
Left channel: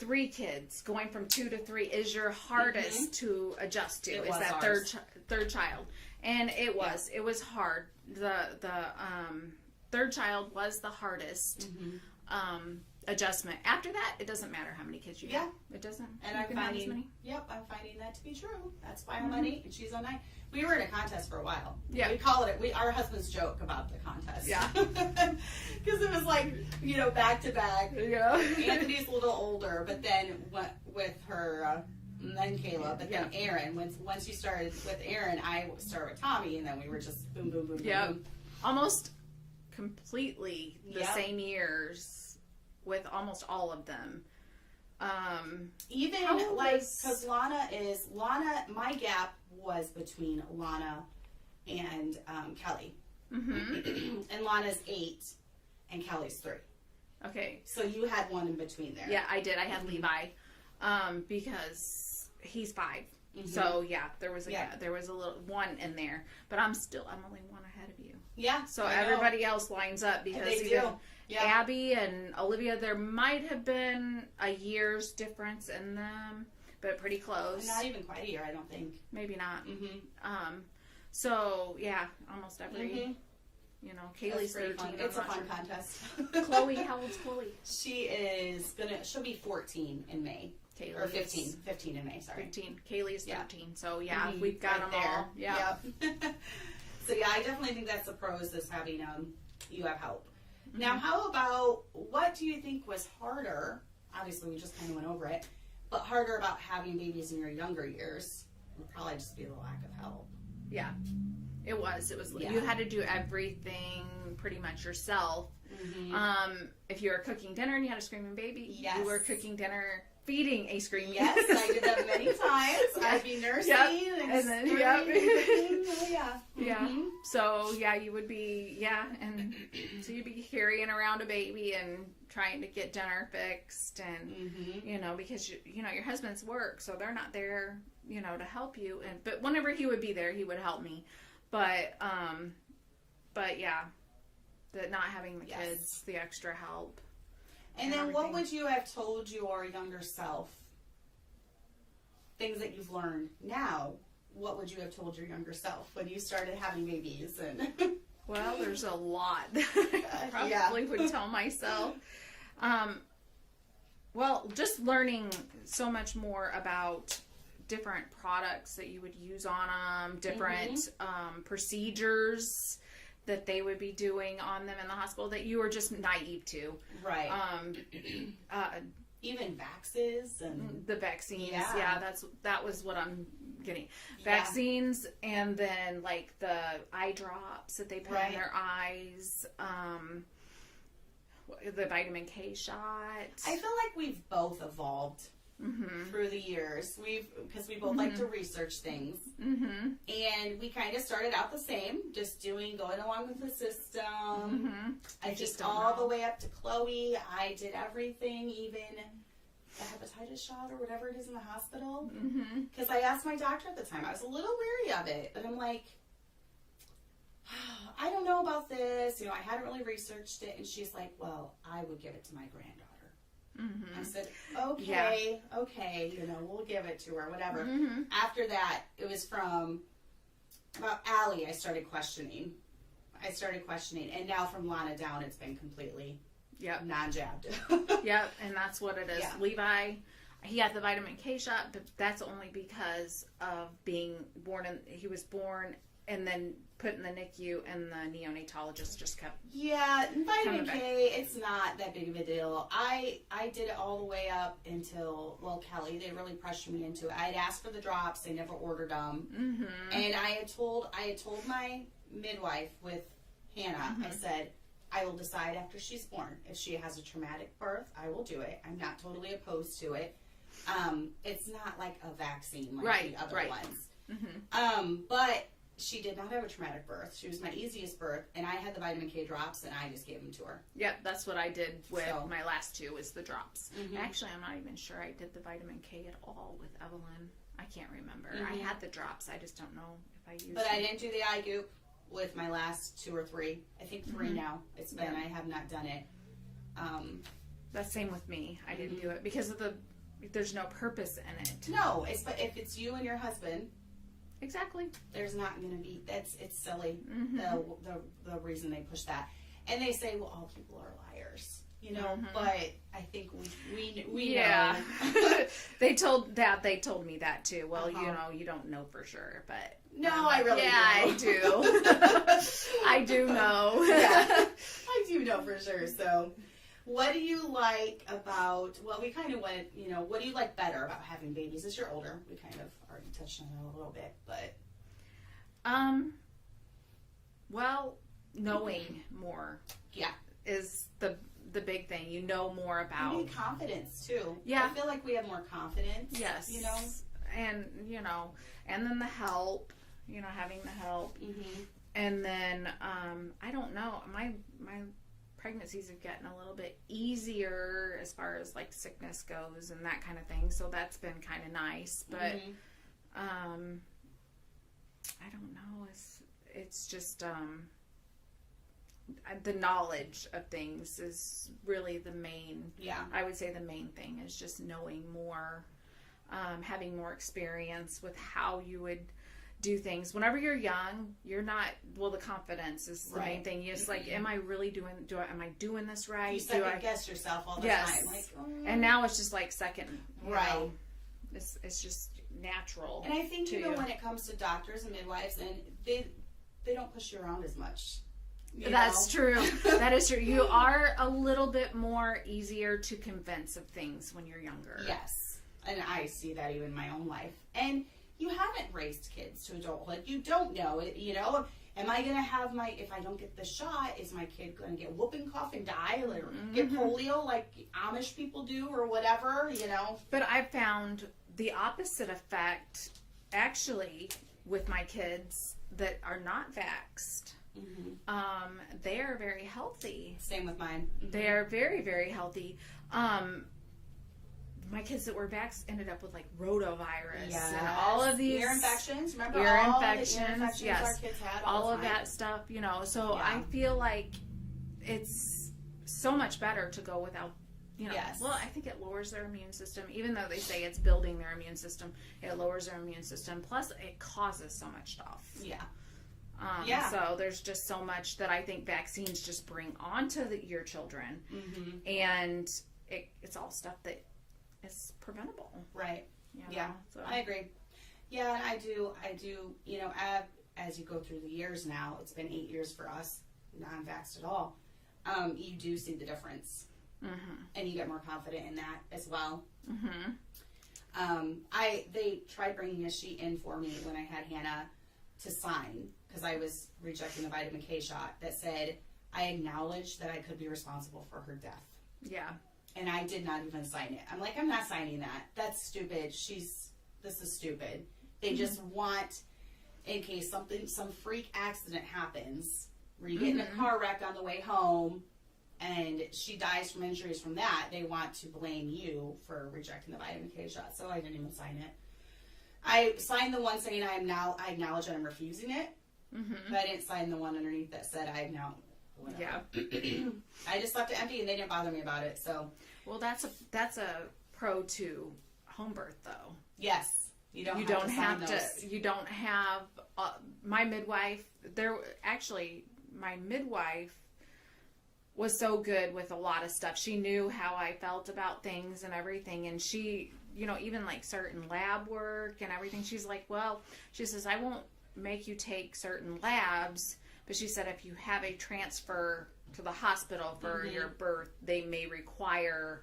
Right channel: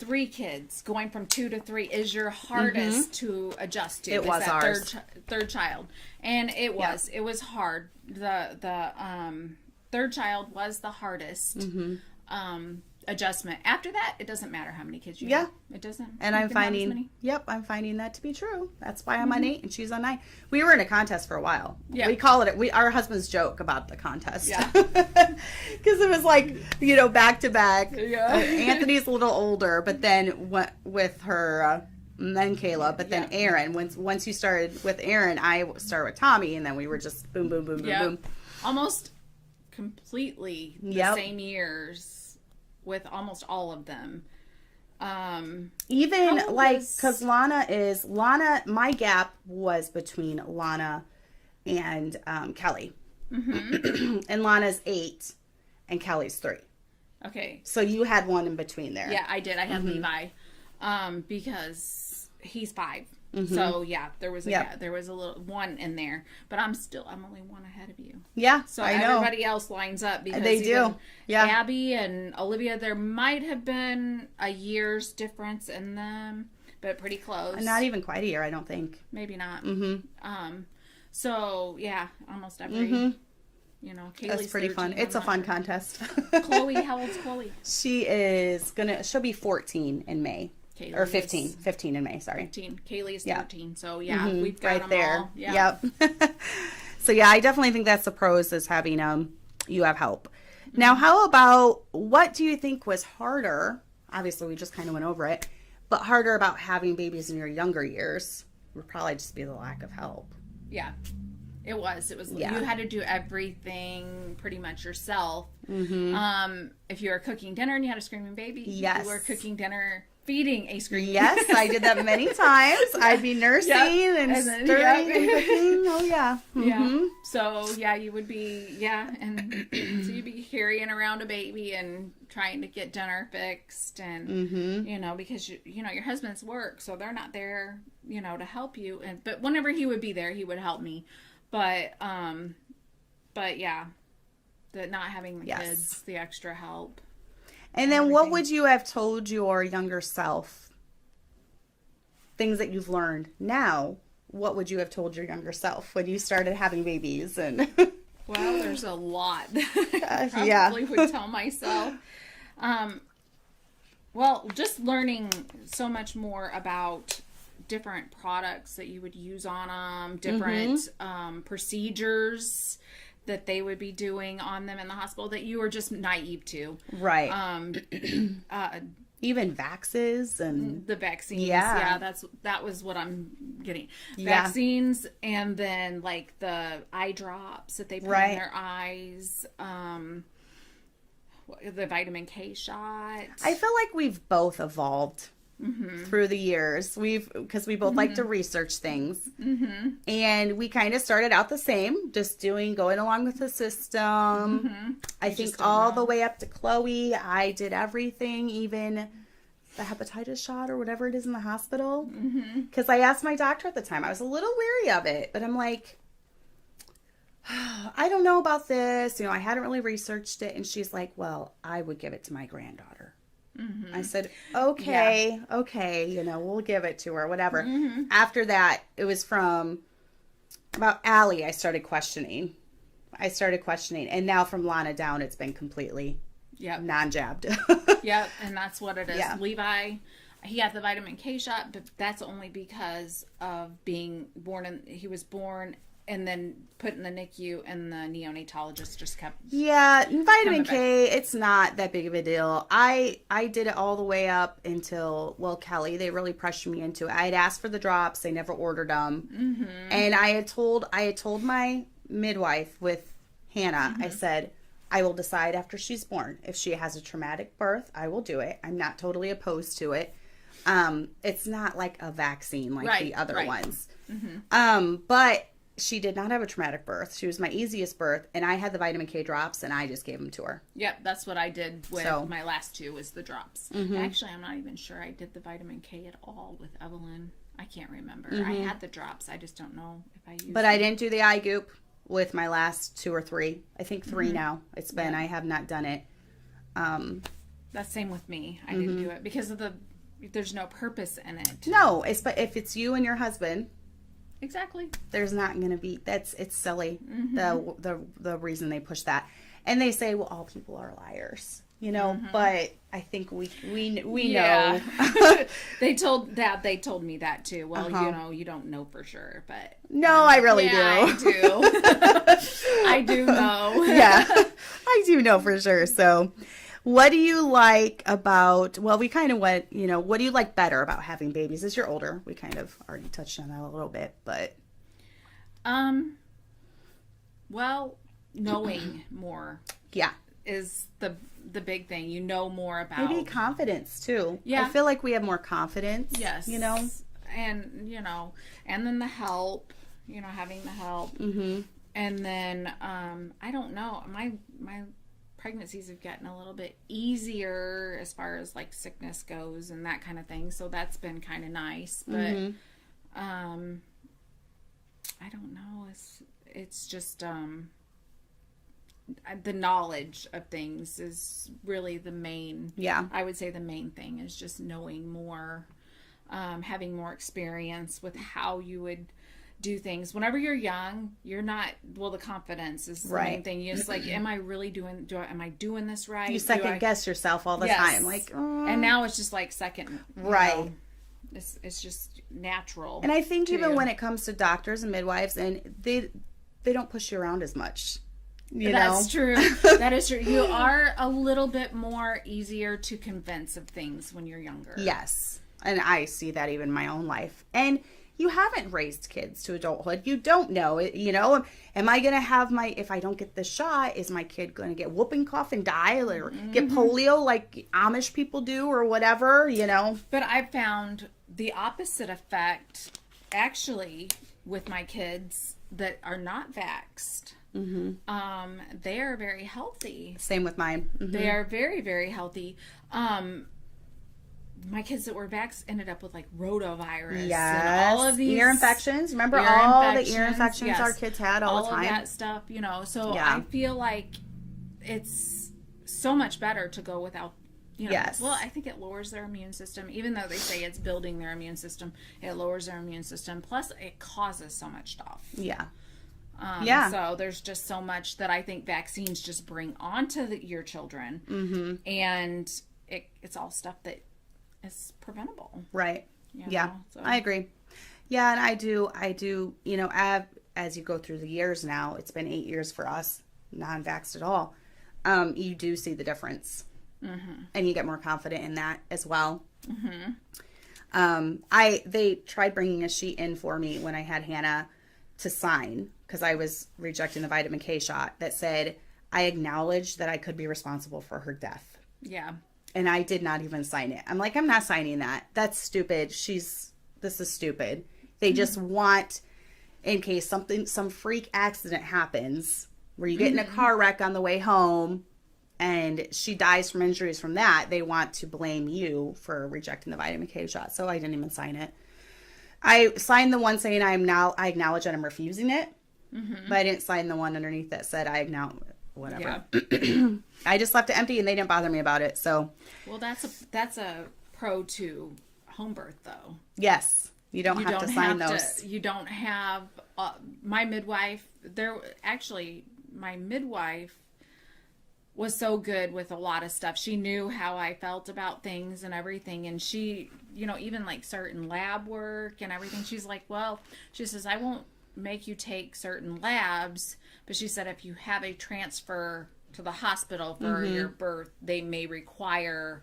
3 kids going from 2 to 3 is your hardest to adjust to. It was ours. Third child, and it was hard. The third child was the hardest adjustment. After that, it doesn't matter how many kids you have. It doesn't. And I'm finding that to be true. That's why I'm on 8 and she's on 9. We were in a contest for a while. Yeah. We call it, our husbands joke about the contest. Yeah. Because it was like, back to back. Yeah. Anthony's a little older, but then with her, and then Kayla, but then Aaron. Once you started with Aaron, I started with Tommy, and then we were just boom, boom, boom, boom, boom. Almost completely the same years. With almost all of them. Even because Lana, my gap was between Lana and Kelly. And Lana's 8 and Kelly's 3. Okay. So you had one in between there. Yeah, I did. I had Levi because he's 5 So yeah, there was a little one in there, but I'm only one ahead of you. Yeah, So I know. everybody else lines up because They do. Yeah. Abby and Olivia, there might have been a year's difference in them, but pretty close. Not even quite a year, I don't think. Maybe not. Mm-hmm. So yeah, almost every. You know, Kaylee's That's pretty 13, fun. It's a fun contest. Chloe, how old's Chloe? She'll be 14 in May. Kaylee Or 15. 15 in May, sorry. 15. Kaylee is 13. Yeah. So yeah, we've got right them there. all. Yeah. Yep. So yeah, I definitely think that's the pros is having you have help. Now, how about what do you think was harder? Obviously, we just kind of went over it, but harder about having babies in your younger years would probably just be the lack of help. Yeah. It was. You had to do everything pretty much yourself. If you were cooking dinner and you had a screaming baby, yes. You were cooking dinner, feeding a screaming Yes, baby. I did that many times. I'd be nursing and stirring and cooking. Oh, yeah. Yeah. So, yeah, you would be, and so you'd be carrying around a baby and trying to get dinner fixed and, you know, because, your husband's work, so they're not there, to help you. But whenever he would be there, he would help me. But yeah, the not having the kids, the extra help. And then what would you have told your younger self? Things that you've learned now, what would you have told your younger self when you started having babies? And well, there's a lot that I probably would tell myself. Well, just learning so much more about different products that you would use on them, different procedures that they would be doing on them in the hospital that you were just naive to. Right. Even vaxes and the vaccines. Yeah, that was what I'm getting. Vaccines and then like the eye drops that they put in their eyes. The vitamin K shot. I feel like we've both evolved through the years. Because we both like to research things. And we kind of started out the same, just going along with the system. I think all the way up to Chloe, I did everything, even the hepatitis shot or whatever it is in the hospital. Because I asked my doctor at the time, I was a little weary of it, but I'm like, I don't know about this. I hadn't really researched it. And she's like, well, I would give it to my granddaughter. I said, okay, we'll give it to her, whatever. After that, it was from about Allie, I started questioning. And now from Lana down, it's been completely non-jabbed. Yep, and that's what it is. Yeah. Levi, he had the vitamin K shot, but that's only because of being born, he was born and then put in the NICU, and the neonatologist just kept... Yeah, vitamin K, it's not that big of a deal. I did it all the way up until, Kelly, they really pressured me into it. I had asked for the drops, they never ordered them. And I had told my midwife with Hannah, I said, I will decide after she's born. If she has a traumatic birth, I will do it. I'm not totally opposed to it. It's not like a vaccine like the other ones. But she did not have a traumatic birth. She was my easiest birth, and I had the vitamin K drops, and I just gave them to her. Yep, that's what I did with my last two, was the drops. Actually, I'm not even sure I did the vitamin K at all with Evelyn. I can't remember. I had the drops. I just don't know if I used them. But I didn't do the eye goop with my last 2 or 3. I think 3 now. It's been, I have not done it. That's same with me. I didn't do it because of there's no purpose in it. No, but if it's you and your husband... Exactly. There's not going to be, it's silly, the reason they push that. And they say, well, all people are liars, but I think we know. They told me that too. Well, you don't know for sure, but. No, I really do. I do. I do know. Yeah, I do know for sure. So what do you like about, we kind of went, what do you like better about having babies as you're older? We kind of already touched on that a little bit, but. Well, knowing more. Yeah. Is the big thing. You know more about. Maybe confidence too. Yeah. I feel like we have more confidence. Yes. And, and then the help, having the help. And then, I don't know, my pregnancies have gotten a little bit easier as far as like sickness goes and that kind of thing, so that's been kind of nice, but I don't know. It's just the knowledge of things is really the main. Yeah. I would say the main thing is just knowing more, having more experience with how you would do things. Whenever you're young, you're not, well, the confidence is the main thing. You're just like, am I really doing, am I doing this right? You second guess yourself all the time. Like, and now it's just like second. Right. It's just natural. And I think even when it comes to doctors and midwives, and they don't push you around as much. That's true. That is true. You are a little bit more easier to convince of things when you're younger. Yes. And I see that even in my own life. And you haven't raised kids to adulthood. You don't know. Am I going to have if I don't get the shot, is my kid going to get whooping cough and die or get polio like Amish people do or whatever, But I've found the opposite effect actually with my kids that are not vaxxed. Mm-hmm. They are very healthy. Same with mine. Mm-hmm. They are very, very healthy. My kids that were vaxxed ended up with like rotavirus and all of these ear infections. Remember the ear infections our kids had all the time? All of that stuff, So I feel like it's so much better to go without. Yes. Well, I think it lowers their immune system. Even though they say it's building their immune system, it lowers their immune system. Plus, it causes so much stuff. Yeah. So there's just so much that I think vaccines just bring onto your children. Mm-hmm. And it's all stuff that is preventable. Right. So. I agree. Yeah, and I do, as you go through the years now, it's been 8 years for us, non-vaxxed at all. You do see the difference. Mm-hmm. And you get more confident in that as well. Mm-hmm. They tried bringing a sheet in for me when I had Hannah to sign, because I was rejecting the vitamin K shot, that said, I acknowledge that I could be responsible for her death. Yeah. And I did not even sign it. I'm like, I'm not signing that. That's stupid. This is stupid. They just want, in case some freak accident happens, where you get in a car wreck on the way home, and she dies from injuries from that, they want to blame you for rejecting the vitamin K shot. So I didn't even sign it. I signed the one saying I acknowledge that I'm refusing it, but I didn't sign the one underneath that said I acknowledge whatever. Yeah. I just left it empty, and they didn't bother me about it. So, well, that's a pro to home birth, though. Yes, you don't have to sign those. You don't have my midwife. My midwife was so good with a lot of stuff. She knew how I felt about things and everything, and she, even like certain lab work and everything. She's like, well, she says, I won't make you take certain labs, but she said if you have a transfer to the hospital for your birth, they may require,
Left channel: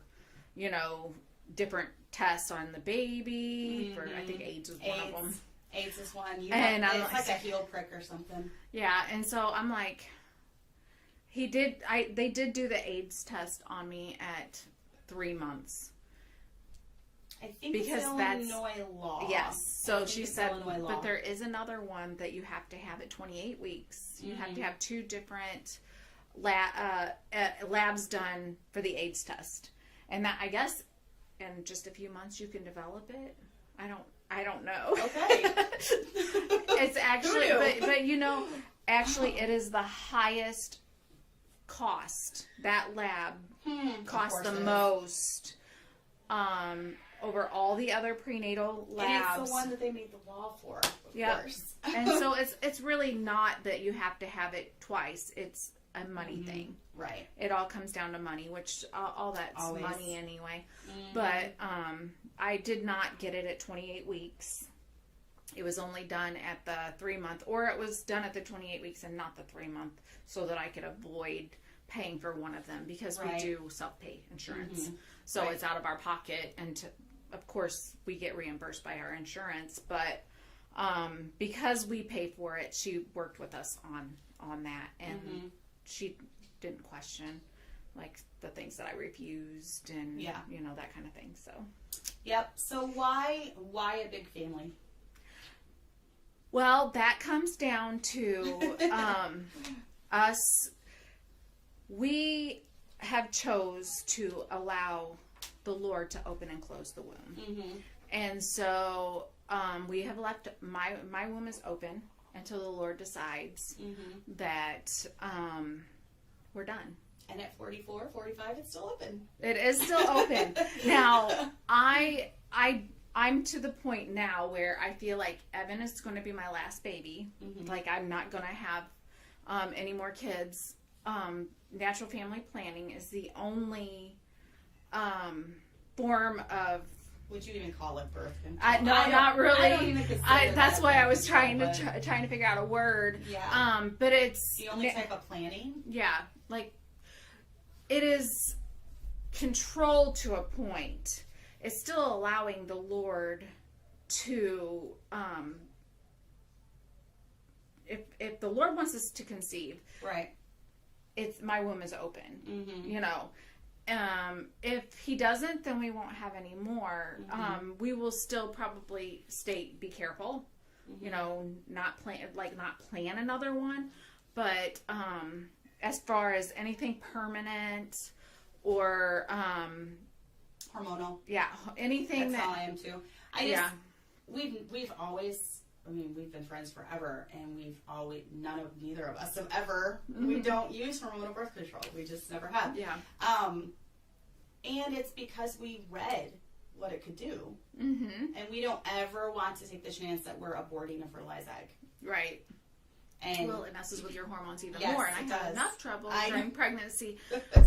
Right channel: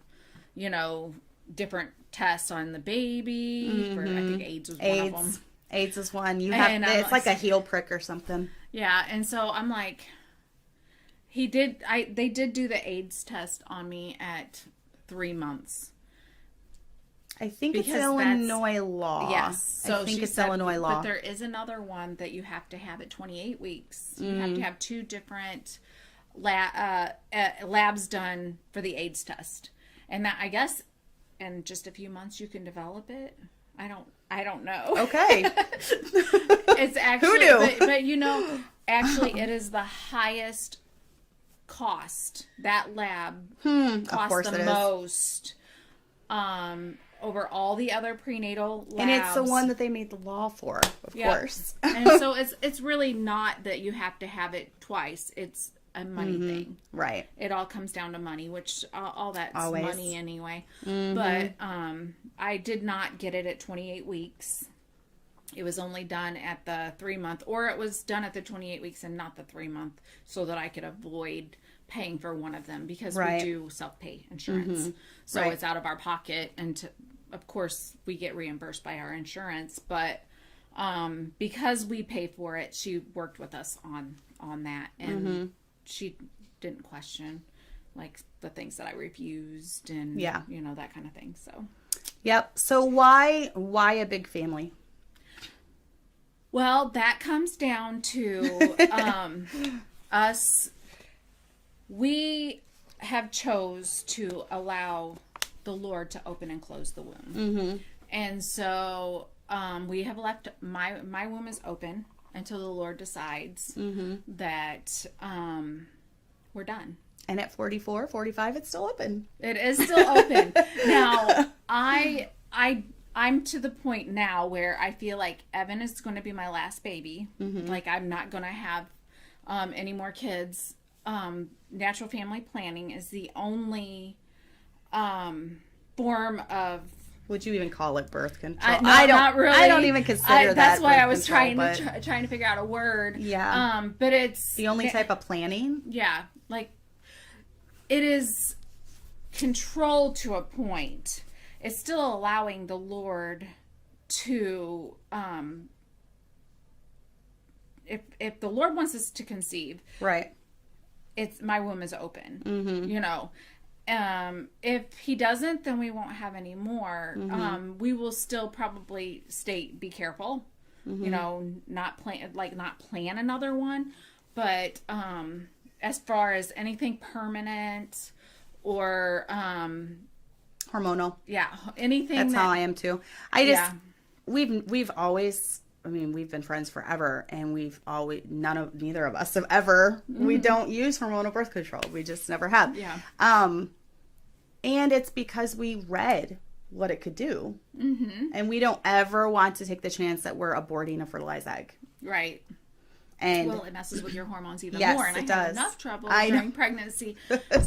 different tests on the baby. For, I think AIDS was one of them. AIDS is one. It's like a heel prick or something. Yeah, and so I'm like, they did do the AIDS test on me at 3 months. I think it's Illinois law. Yes. So I think it's Illinois law. But there is another one that you have to have at 28 weeks. You have to have 2 different labs done for the AIDS test. And that, I guess, in just a few months you can develop it. I don't know. Okay. It's actually, who knew? But actually it is the highest cost. That lab costs the most over all the other prenatal labs. And it's the one that they made the law for, of course. And so it's really not that you have to have it twice. It's a money thing. Right. It all comes down to money, which all that's always money anyway. But I did not get it at 28 weeks. It was only done at the 3 month, or it was done at the 28 weeks and not the 3 month, so that I could avoid paying for one of them, because we do self-pay insurance. So it's out of our pocket, and of course we get reimbursed by our insurance, but because we pay for it, she worked with us on that, and she didn't question like the things that I refused and that kind of thing. So so why a big family? Well, that comes down to us. We have chose to allow the Lord to open and close the womb. And so we have left my womb is open until the Lord decides that we're done. And at 44, 45, it's still open. It is still open. Now, I'm to the point now where I feel like Evan is going to be my last baby. Like, I'm not going to have any more kids. Natural family planning is the only form of... Would you even call it birth control? No, not really. I don't even consider that. That's why I was control, trying to figure out a word. Yeah. But it's the only type of planning. Yeah, like it is controlled to a point. It's still allowing the Lord to, if the Lord wants us to conceive, right? It's my womb is open. You know. If he doesn't, then we won't have any more. We will still probably be careful, you know, not plan another one. But, as far as anything permanent or, hormonal. Yeah. Anything. That's how I am too. We've always, I mean, we've been friends forever, and neither of us have ever, we don't use hormonal birth control. We just never have. Yeah. And it's because we read what it could do. And we don't ever want to take the chance that we're aborting a fertilized egg. Right. And well, it messes with your hormones even yes, more. And it I have does. enough trouble during pregnancy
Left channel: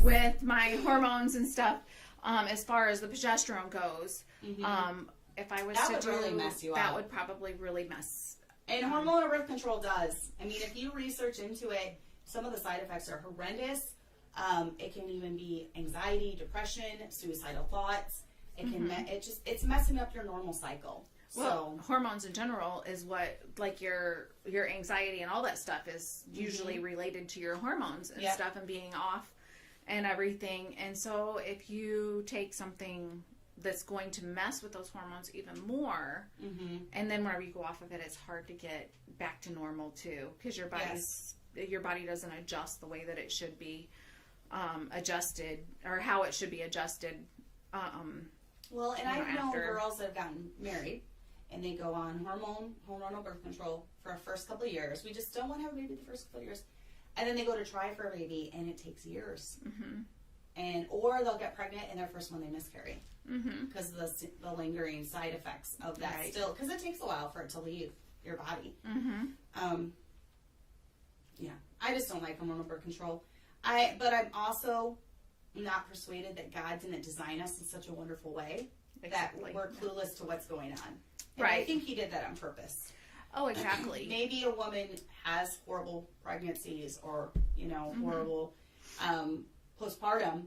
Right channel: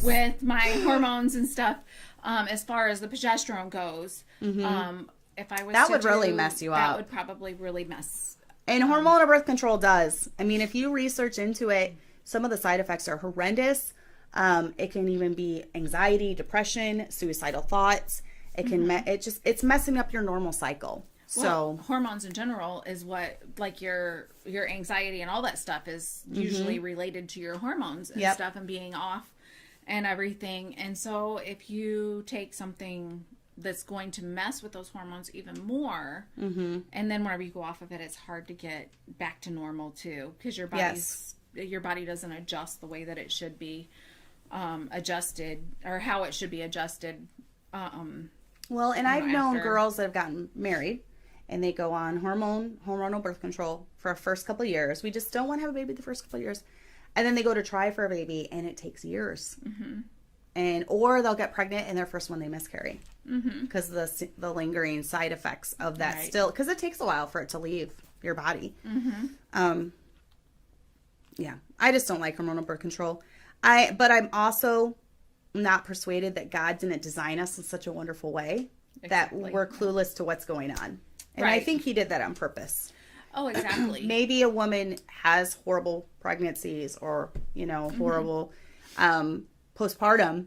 with my hormones and stuff. As far as the progesterone goes, if I was that would really mess you up. That would probably really mess. And hormonal birth control does. I mean, if you research into it, some of the side effects are horrendous. It can even be anxiety, depression, suicidal thoughts. It can it's messing up your normal cycle. Well, hormones in general is what, like, your anxiety and all that stuff is usually related to your hormones and stuff and being off and everything. And so if you take something that's going to mess with those hormones even more, and then whenever you go off of it, it's hard to get back to normal too, because your body doesn't adjust the way that it should be adjusted, or how it should be adjusted. Well, and I've known girls that have gotten married and they go on hormonal birth control for the first couple of years. We just don't want to have a baby the first couple of years. And then they go to try for a baby and it takes years. Or they'll get pregnant and their first one they miscarry. Because the lingering side effects of that still, because it takes a while for it to leave your body. Yeah, I just don't like hormonal birth control. But I'm also not persuaded that God didn't design us in such a wonderful way that we're clueless to what's going on. And I think he did that on purpose. Oh, exactly. Maybe a woman has horrible pregnancies or, horrible postpartum,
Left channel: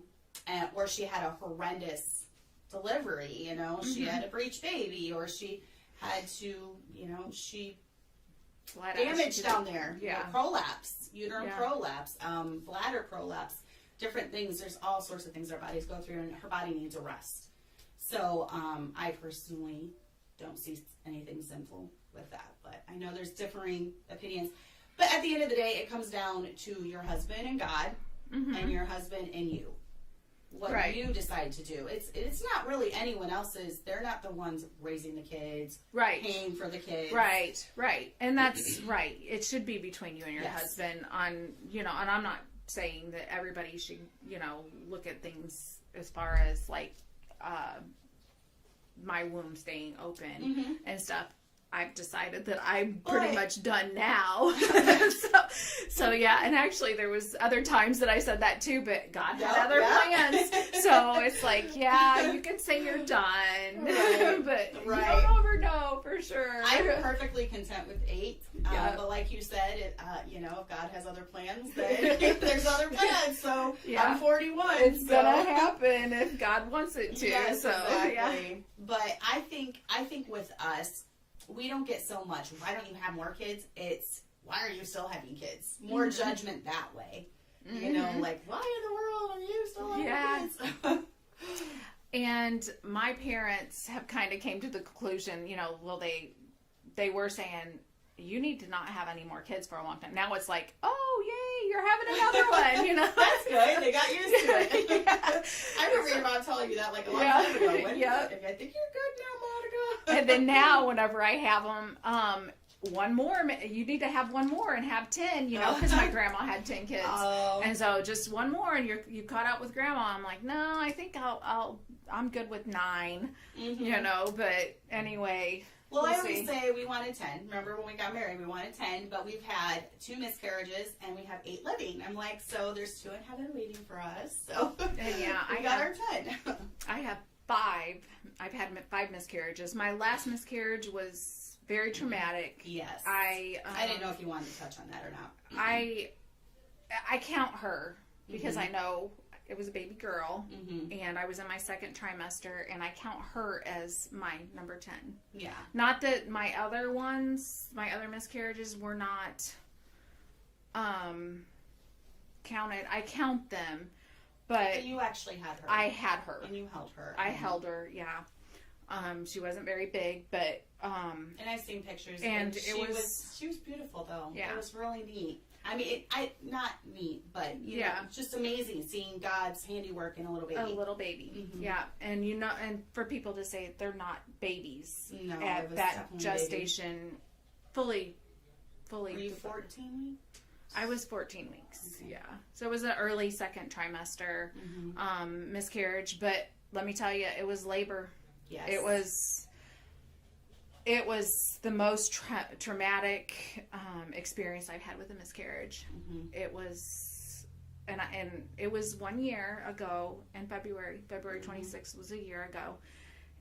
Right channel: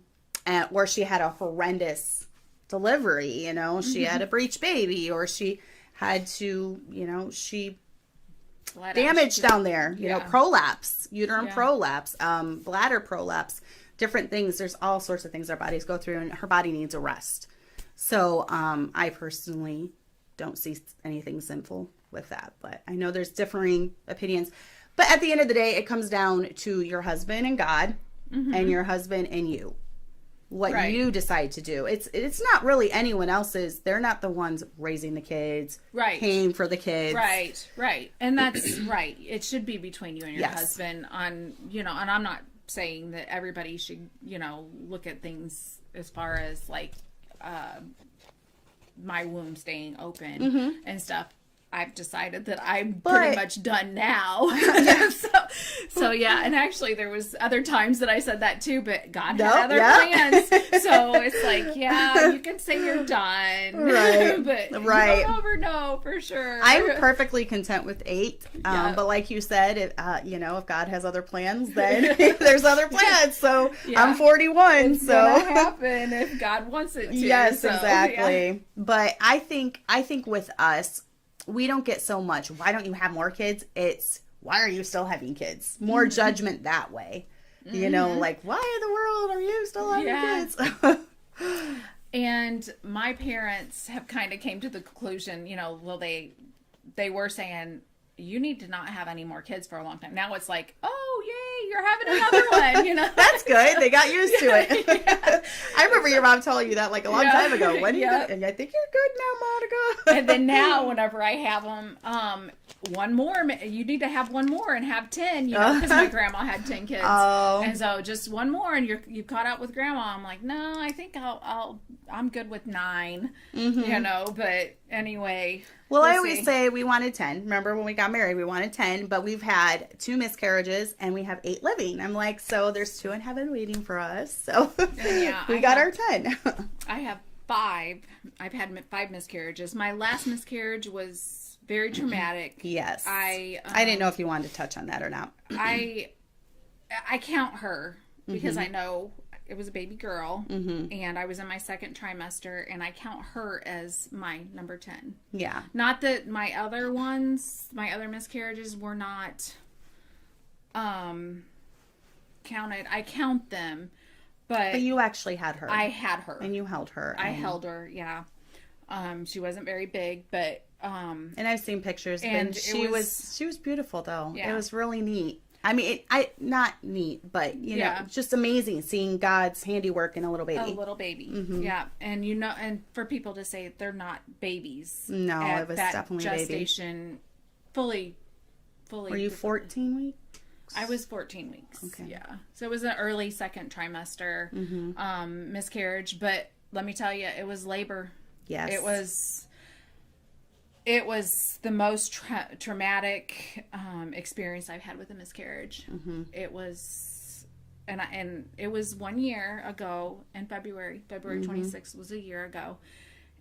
where she had a horrendous delivery, she had a breech baby, or she had to, she damage down there, prolapse, uterine prolapse, bladder prolapse, different things. There's all sorts of things our bodies go through, and her body needs a rest. So I personally don't see anything sinful with that, but I know there's differing opinions. But at the end of the day, it comes down to your husband and God, and your husband and you. What you decide to do. It's not really anyone else's. They're not the ones raising the kids, paying for the kids. Right. And that's right. It should be between you and your husband on, and I'm not saying that everybody should, look at things as far as like my womb staying open and stuff. I've decided that I'm pretty much done now. so yeah, and actually there was other times that I said that too, but God had other plans. So it's like, you can say you're done. Right. But you don't ever know for sure. I'm perfectly content with 8. But like you said, if God has other plans, then there's other plans. So I'm 41. It's gonna happen if God wants it to. Yes, exactly. Yeah. But I think with us, we don't get so much, why don't you have more kids? It's, why are you still having kids? More judgment that way. Like, why in the world are you still having kids? And my parents have kind of came to the conclusion, they were saying, you need to not have any more kids for a long time. Now it's like, oh, you're having another one, you know. That's good. They got used to it. Yeah. I remember your mom telling you that like a long time ago. When Yeah. and I think you're good now, Monica. And then now, whenever I have them, one more, you need to have one more and have 10, you know, because my grandma had 10 kids. Oh. And so just one more and you caught up with grandma. I'm like, no, I think I'm good with 9, you know, but anyway. Well, we'll I always see. say we wanted 10. Remember when we got married, we wanted 10, but we've had 2 miscarriages and we have 8 living. I'm like, so there's 2 in heaven waiting for us. So Yeah, we got our 10. I have 5. I've had 5 miscarriages. My last miscarriage was very traumatic. Yes. I didn't know if you wanted to touch on that or not. I count her because I know it was a baby girl, and I was in my 2nd trimester, and I count her as my number 10. Yeah. Not that my other miscarriages were not counted. I count them, But you actually had her. I had her. And you held her. I held her, yeah. She wasn't very big, but and I've seen pictures, and and she was beautiful though. Yeah. It was really neat. I mean, not neat, but you know, Yeah. just amazing seeing God's handiwork in a little baby. a little baby, yeah. And you know, and for people to say they're not babies, No, at it was that definitely a baby. gestation, fully. Were you 14 weeks? I was 14 weeks. Okay. Yeah. So it was an early 2nd trimester miscarriage, but let me tell you, it was labor. Yes. It was the most traumatic experience I've had with a miscarriage. It was, and it was 1 year ago in February 26th was a year ago,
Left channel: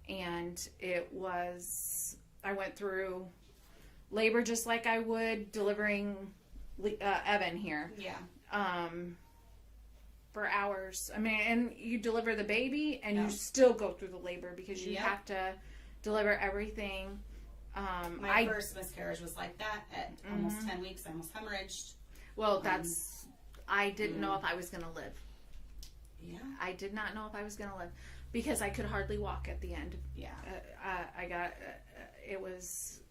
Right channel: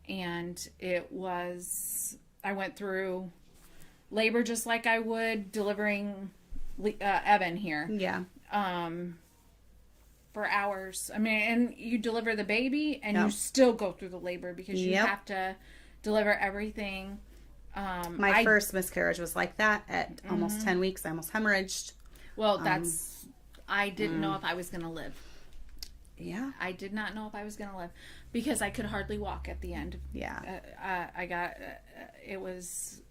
and I went through labor just like I would delivering Evan here. Yeah. For hours. I mean, and you deliver the baby and you still go through the labor because you have to deliver everything. My first miscarriage was like that at almost 10 weeks. I almost hemorrhaged. Well, I didn't know if I was going to live. Yeah. I did not know if I was going to live because I could hardly walk at the end. Yeah.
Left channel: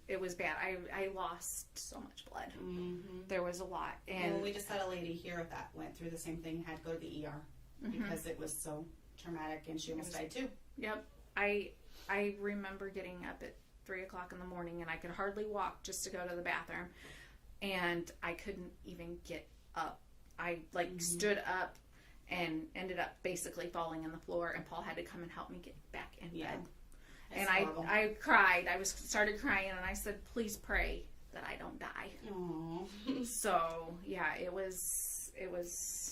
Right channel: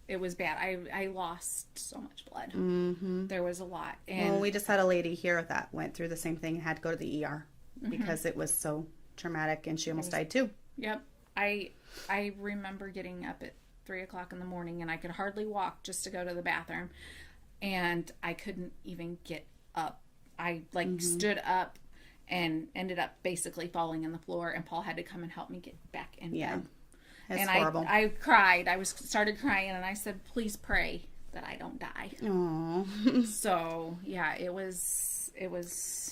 It was bad. I lost so much blood. There was a lot. And Well, we just had a lady here that went through the same thing and had to go to the ER because it was so traumatic, and she almost died too. Yep. I remember getting up at 3:00 in the morning, and I could hardly walk just to go to the bathroom, and I couldn't even get up. I stood up and ended up basically falling on the floor, and Paul had to come and help me get back in bed. That's and horrible. I cried. I started crying, and I said, "Please pray that I don't die." Aww. So yeah, it was.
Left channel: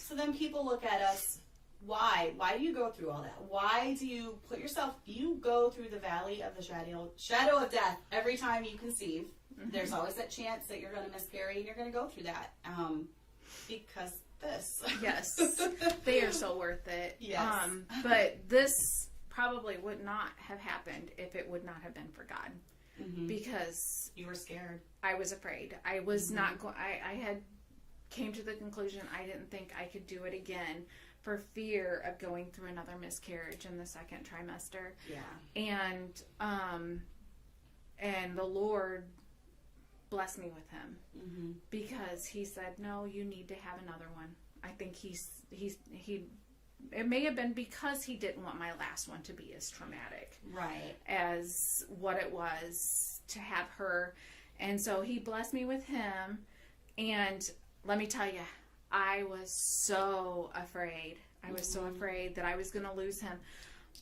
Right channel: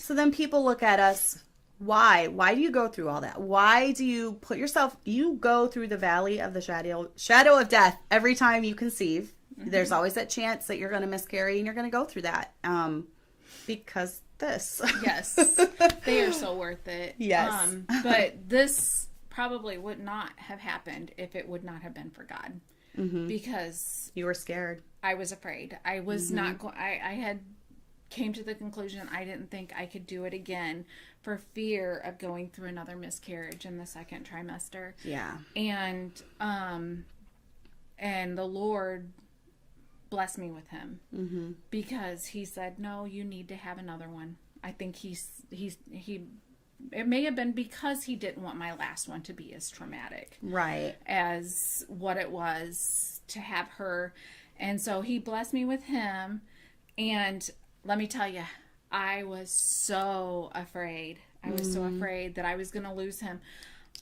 So then people look at us. Why do you go through all that? Why do you put yourself? You go through the valley of the shadow of death every time you conceive. There's always that chance that you're going to miscarry, and you're going to go through that. Because this. Yes, they are so worth it. Yes. But this probably would not have happened if it would not have been for God, because You were scared. I was afraid. I was not. I had came to the conclusion I didn't think I could do it again for fear of going through another miscarriage in the 2nd trimester. Yeah. And the Lord blessed me with him because he said, "No, you need to have another one." I think he. It may have been because he didn't want my last one to be as traumatic, Right. as what it was to have her, and so he blessed me with him. And let me tell you, I was so afraid. I was so afraid that I was going to lose him.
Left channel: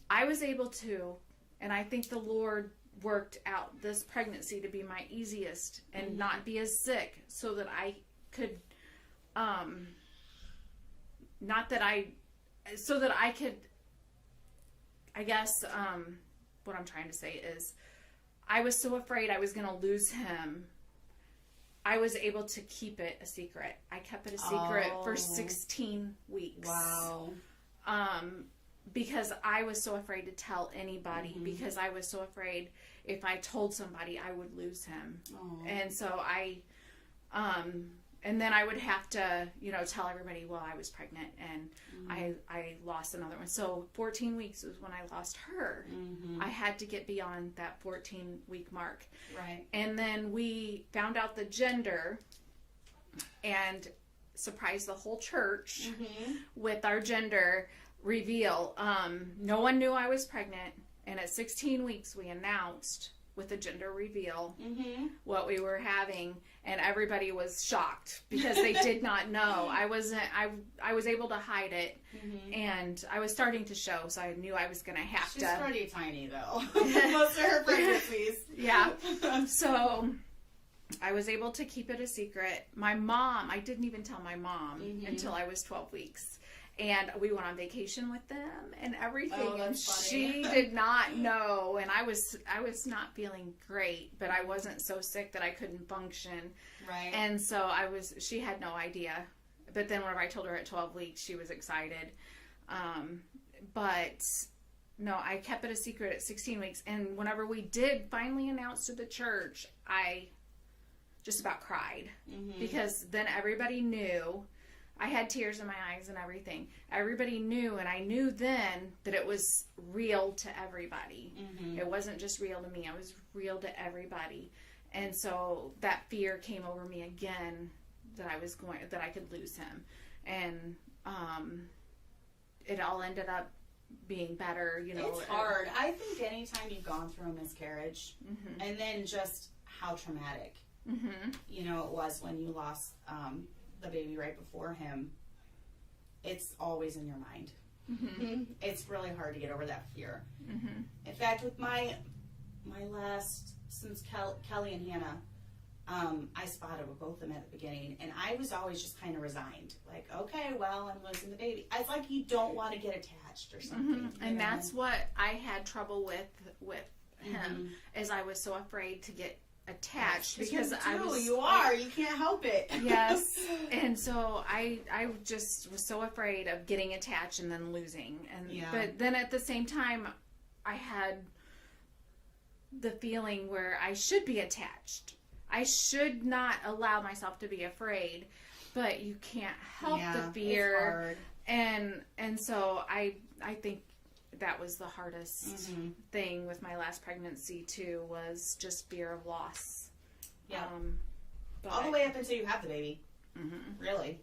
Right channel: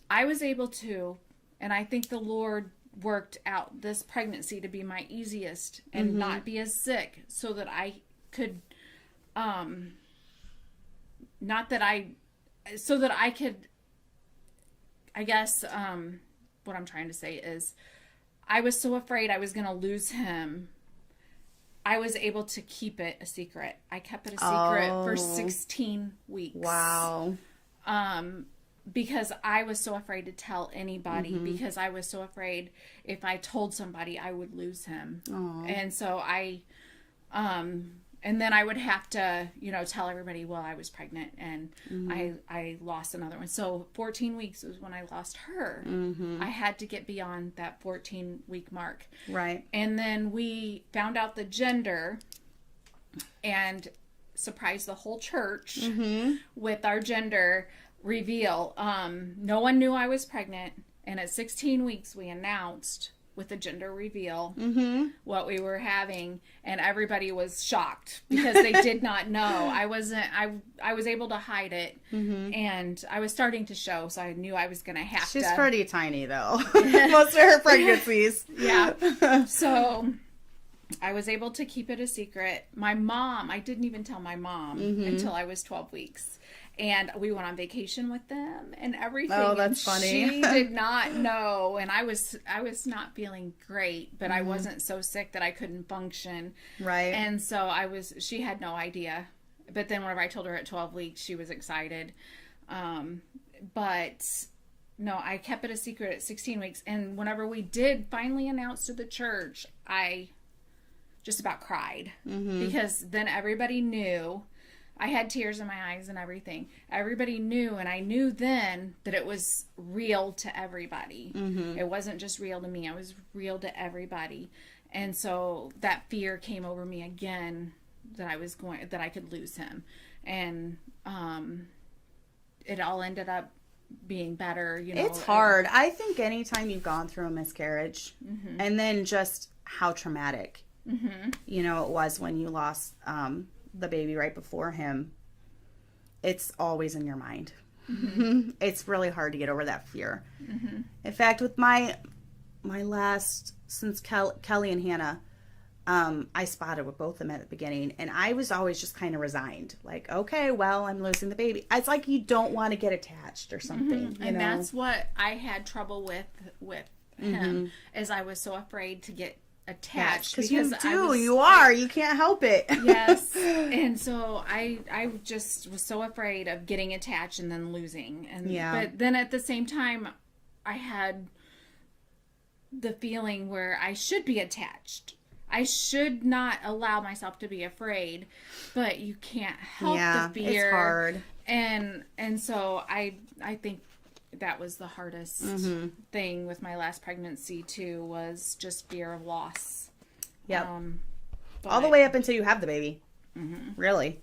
I was able to, and I think the Lord worked out this pregnancy to be my easiest and not be as sick, so that I could, I guess, what I'm trying to say is, I was so afraid I was going to lose him. I was able to keep it a secret. I kept it a secret for 16 weeks. Wow. Because I was so afraid to tell anybody, because I was so afraid if I told somebody I would lose him. Aww. And so and then I would have to, tell everybody, well, I was pregnant and I lost another one. So 14 weeks was when I lost her. I had to get beyond that 14-week mark. Right. And then we found out the gender, and surprised the whole church with our gender reveal. No one knew I was pregnant, and at 16 weeks we announced with the gender reveal what we were having, and everybody was shocked because they did not know. I was able to hide it, and I was starting to show, so I knew I was going to have to. She's pretty tiny though. Most of her pregnancies. Yeah. So I was able to keep it a secret. My mom, I didn't even tell my mom until I was 12 weeks. And we went on vacation with them and everything. Oh, that's funny. She did not know, and I was not feeling great, but I wasn't so sick that I couldn't function. Right. And so she had no idea. But then whenever I told her at 12 weeks, she was excited. But no, I kept it a secret at 16 weeks. And whenever we did finally announce to the church, I just about cried because then everybody knew. I had tears in my eyes and everything. Everybody knew, and I knew then that it was real to everybody. It wasn't just real to me. It was real to everybody. And so that fear came over me again that I could lose him. And it all ended up being better, you know. It's hard. I think anytime you've gone through a miscarriage and then just how traumatic, you know, it was when you lost the baby right before him, it's always in your mind. It's really hard to get over that fear. In fact, with my last, since Kelly and Hannah, I spotted with both of them at the beginning, and I was always just kind of resigned, like, okay, well, I'm losing the baby. It's like you don't want to get attached or something. And that's what I had trouble with him, is I was so afraid to get attached, because you can't help it. Yes. And so I just was so afraid of getting attached and then losing. And but then at the same time I had the feeling where I should be attached. I should not allow myself to be afraid, but you can't help the fear. It's hard. And so I think that was the hardest thing with my last pregnancy too, was just fear of loss. Yep. All the way up until you have the baby. Really.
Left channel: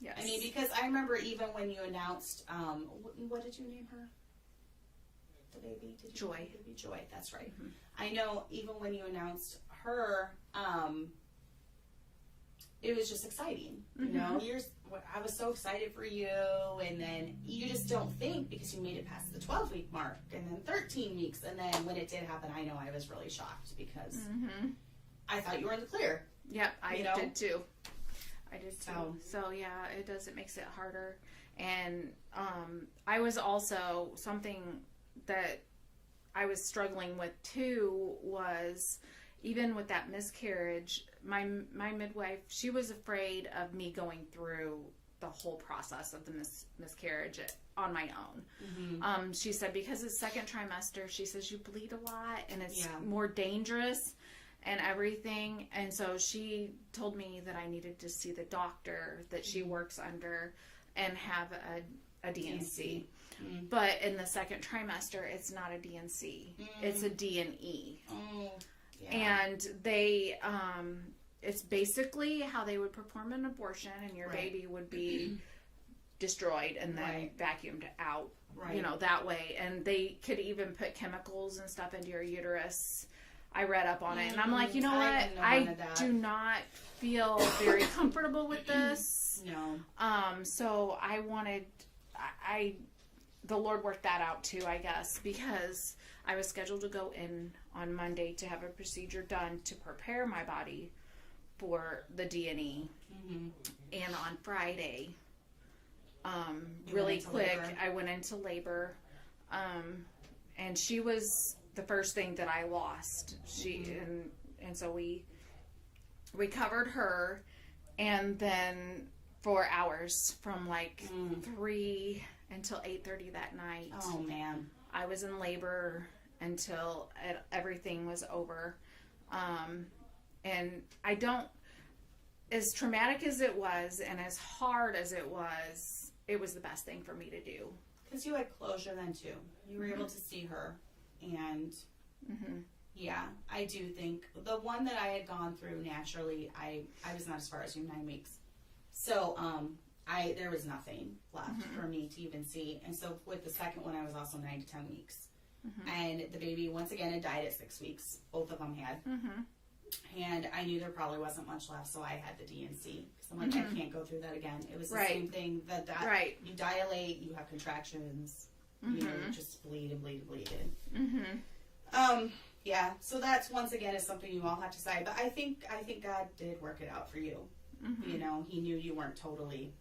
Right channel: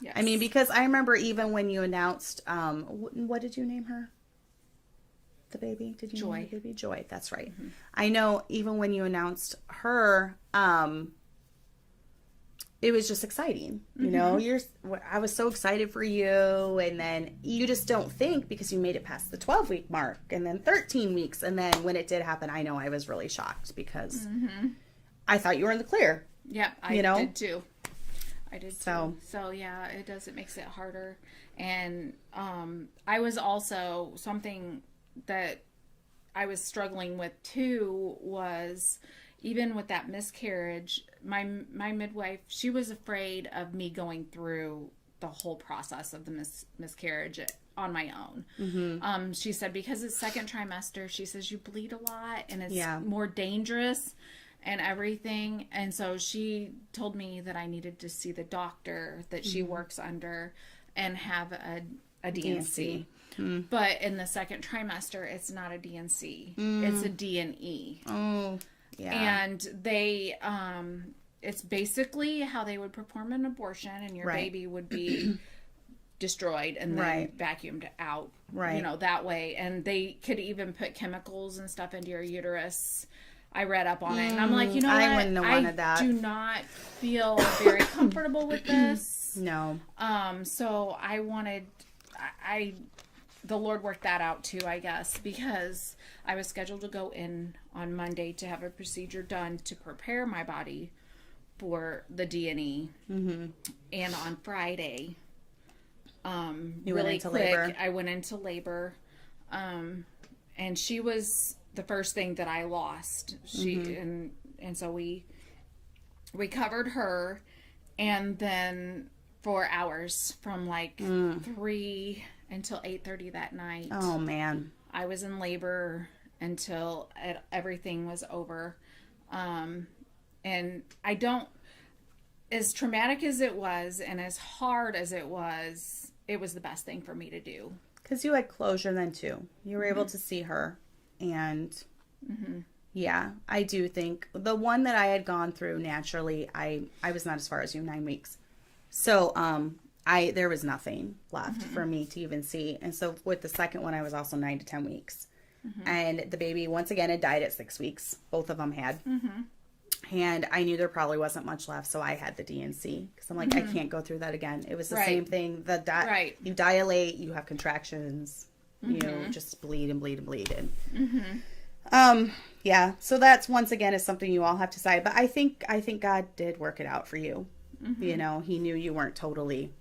Yes. I mean, because I remember even when you announced, what did you name her? The baby? Did you Joy. name the baby? Joy. That's right. I know even when you announced her, it was just exciting. You know, I was so excited for you, and then you just don't think, because you made it past the 12-week mark, and then 13 weeks, and then when it did happen, I know I was really shocked because I thought you were in the clear. Yeah, I did too. I did too. So yeah, it makes it harder. And I was also, something that I was struggling with too was, even with that miscarriage, my midwife, she was afraid of me going through the whole process of the miscarriage on my own. She said, because it's second trimester, she says you bleed a lot and it's more dangerous and everything. And so she told me that I needed to see the doctor that she works under and have a DNC. But in the second trimester, it's not a DNC. It's a D&E. Oh, yeah. And they, it's basically how they would perform an abortion, and your baby would be destroyed and then vacuumed out. Right. You know, that way. And they could even put chemicals and stuff into your uterus. I read up on it, and I'm like, you know what? I wouldn't have wanted that. I do not feel very comfortable with this. No. So I wanted, the Lord worked that out too, I guess, because I was scheduled to go in on Monday to have a procedure done to prepare my body for the D&E. And on Friday, really quick, labor. I went into labor. And she was the first thing that I lost. And so we covered her, and then for hours from like 3 until 8:30 that night. Oh man. I was in labor until everything was over. And I don't, as traumatic as it was and as hard as it was the best thing for me to do. Because you had closure then too. You were able to see her. And yeah, I do think the one that I had gone through naturally, I was not as far as you, 9 weeks. So, there was nothing left for me to even see. And so with the second one, I was also 9 to 10 weeks. And the baby, once again, had died at 6 weeks. Both of them had. And I knew there probably wasn't much left, so I had the D&C. Because I'm like, I can't go through that again. It was the same thing. You dilate, you have contractions, you just bleed and bleed and bleed. And, yeah, so that's, once again, is something you all have to decide. But I think God did work it out for you. You know, he knew you weren't totally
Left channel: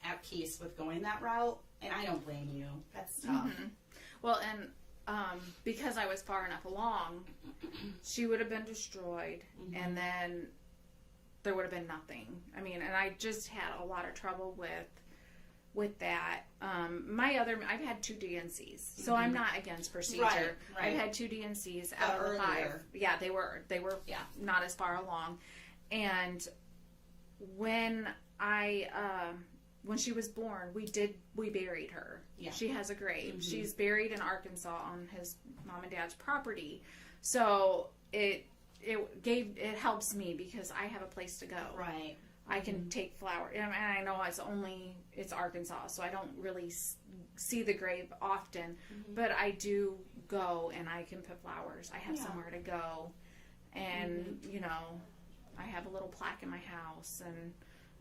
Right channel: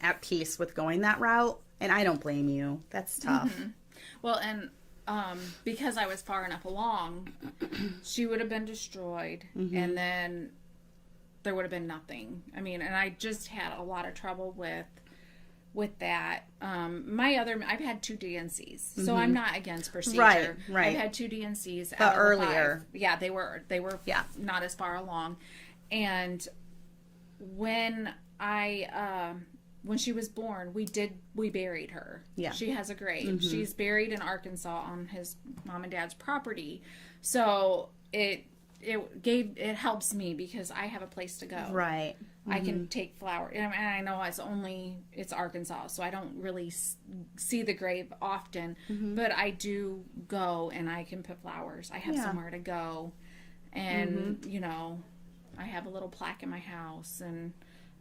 at peace with going that route. And I don't blame you. That's tough. Well, and because I was far enough along, she would have been destroyed, and then there would have been nothing. I mean, and I just had a lot of trouble with that. I've had 2 D&Cs, so I'm not against procedure. Right. I've had 2 D&Cs. But earlier. 5. Yeah, they were not as far along. And when when she was born, we buried her. Yeah. She has a grave. She's buried in Arkansas on his mom and dad's property. So it helps me because I have a place to go. Right. I can take flowers. And I know it's Arkansas, so I don't really see the grave often, but I do go and I can put flowers. I have somewhere to go. And, you know, I have a little plaque in my house and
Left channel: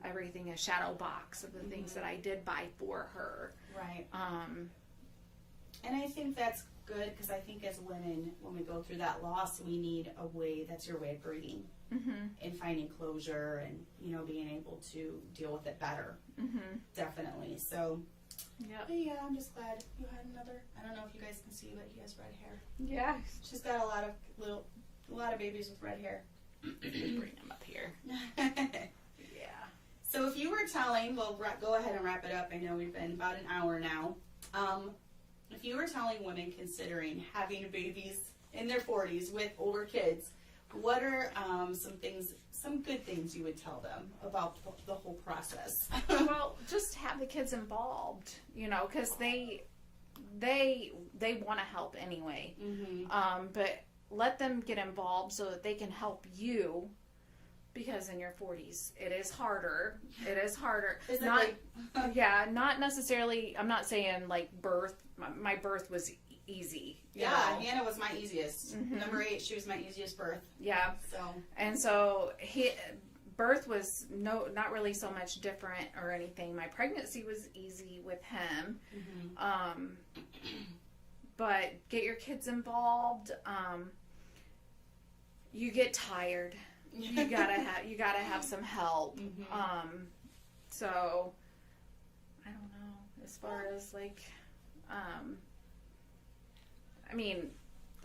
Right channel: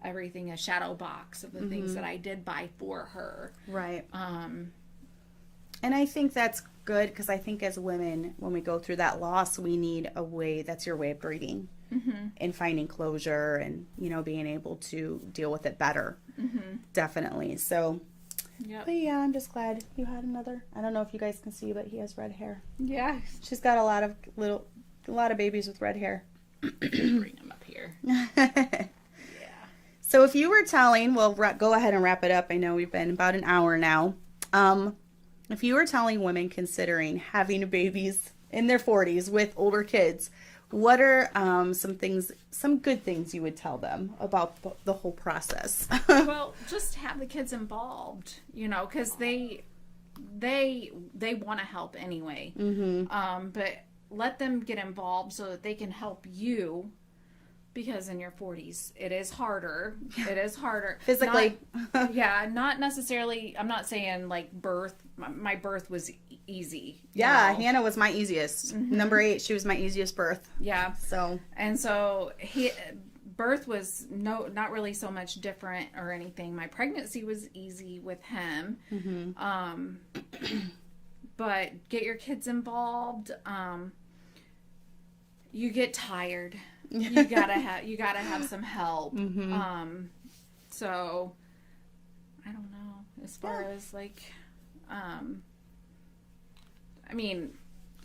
everything, a shadow box of the things that I did buy for her. Right. And I think that's good because I think as women, when we go through that loss, we need a way, that's your way of grieving and finding closure and, you know, being able to deal with it better. Definitely. So, but yeah, I'm just glad you had another. I don't know if you guys can see, but he has red hair. Yeah. She's got a lot of babies with red hair. Bring them up here. So if you were telling, we'll go ahead and wrap it up. I know we've been about an hour now. If you were telling women considering having babies in their 40s with older kids, what are some good things you would tell them about the whole process? Well, just have the kids involved, you know, because they want to help anyway. But let them get involved so that they can help you. Because in your 40s, it is harder. It is harder. Physically. Not necessarily. I'm not saying like birth. My birth was easy. Yeah, Hannah was my easiest. Number 8, she was my easiest birth. Yeah. So. And so birth was not really so much different or anything. My pregnancy was easy with him. But get your kids involved. You get tired. You gotta have some help. So I don't know as far as like, I mean,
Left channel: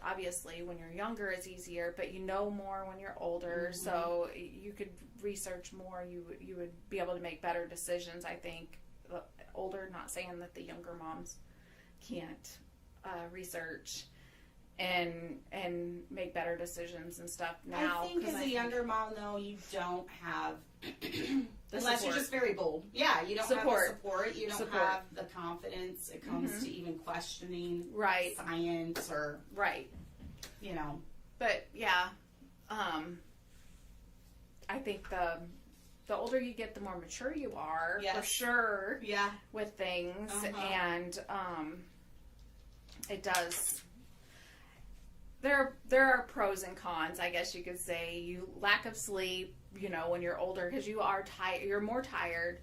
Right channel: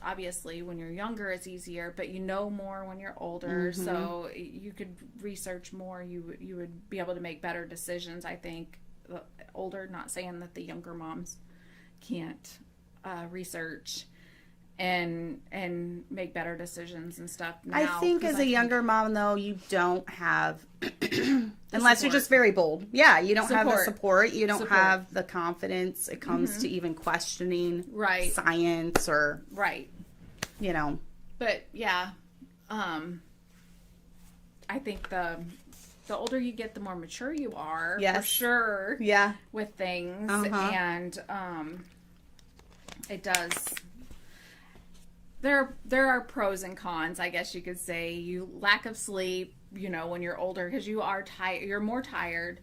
obviously when you're younger it's easier, but you know more when you're older. So you could research more. You would be able to make better decisions. I think the older. Not saying that the younger moms can't research and make better decisions and stuff now. I think as a younger mom, though, you don't have, unless you're just very bold. Yeah, you don't have the support. You don't have the confidence. It comes to even questioning science or, you know. But, yeah, I think the older you get, the more mature you are. Yes. For sure. Yeah. With things. And it does... There are pros and cons, I guess you could say. You lack of sleep, you know, when you're older because you are tired. You're more tired,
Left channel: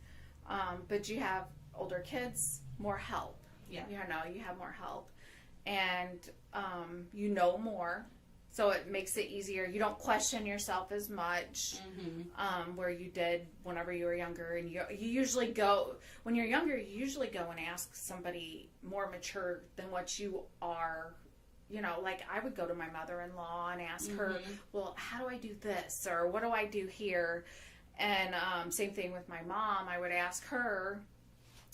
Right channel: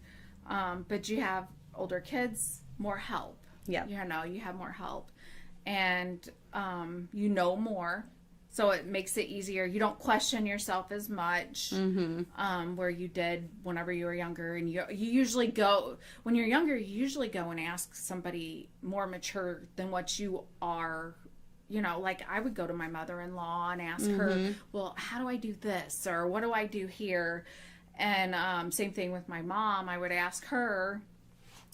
but you have older kids, more help. Yeah, you know, you have more help, and you know more, so it makes it easier. You don't question yourself as much, where you did whenever you were younger. And you usually go when you're younger. You usually go and ask somebody more mature than what you are. You know, like I would go to my mother-in-law and ask her, well, how do I do this? Or what do I do here? And same thing with my mom. I would ask her,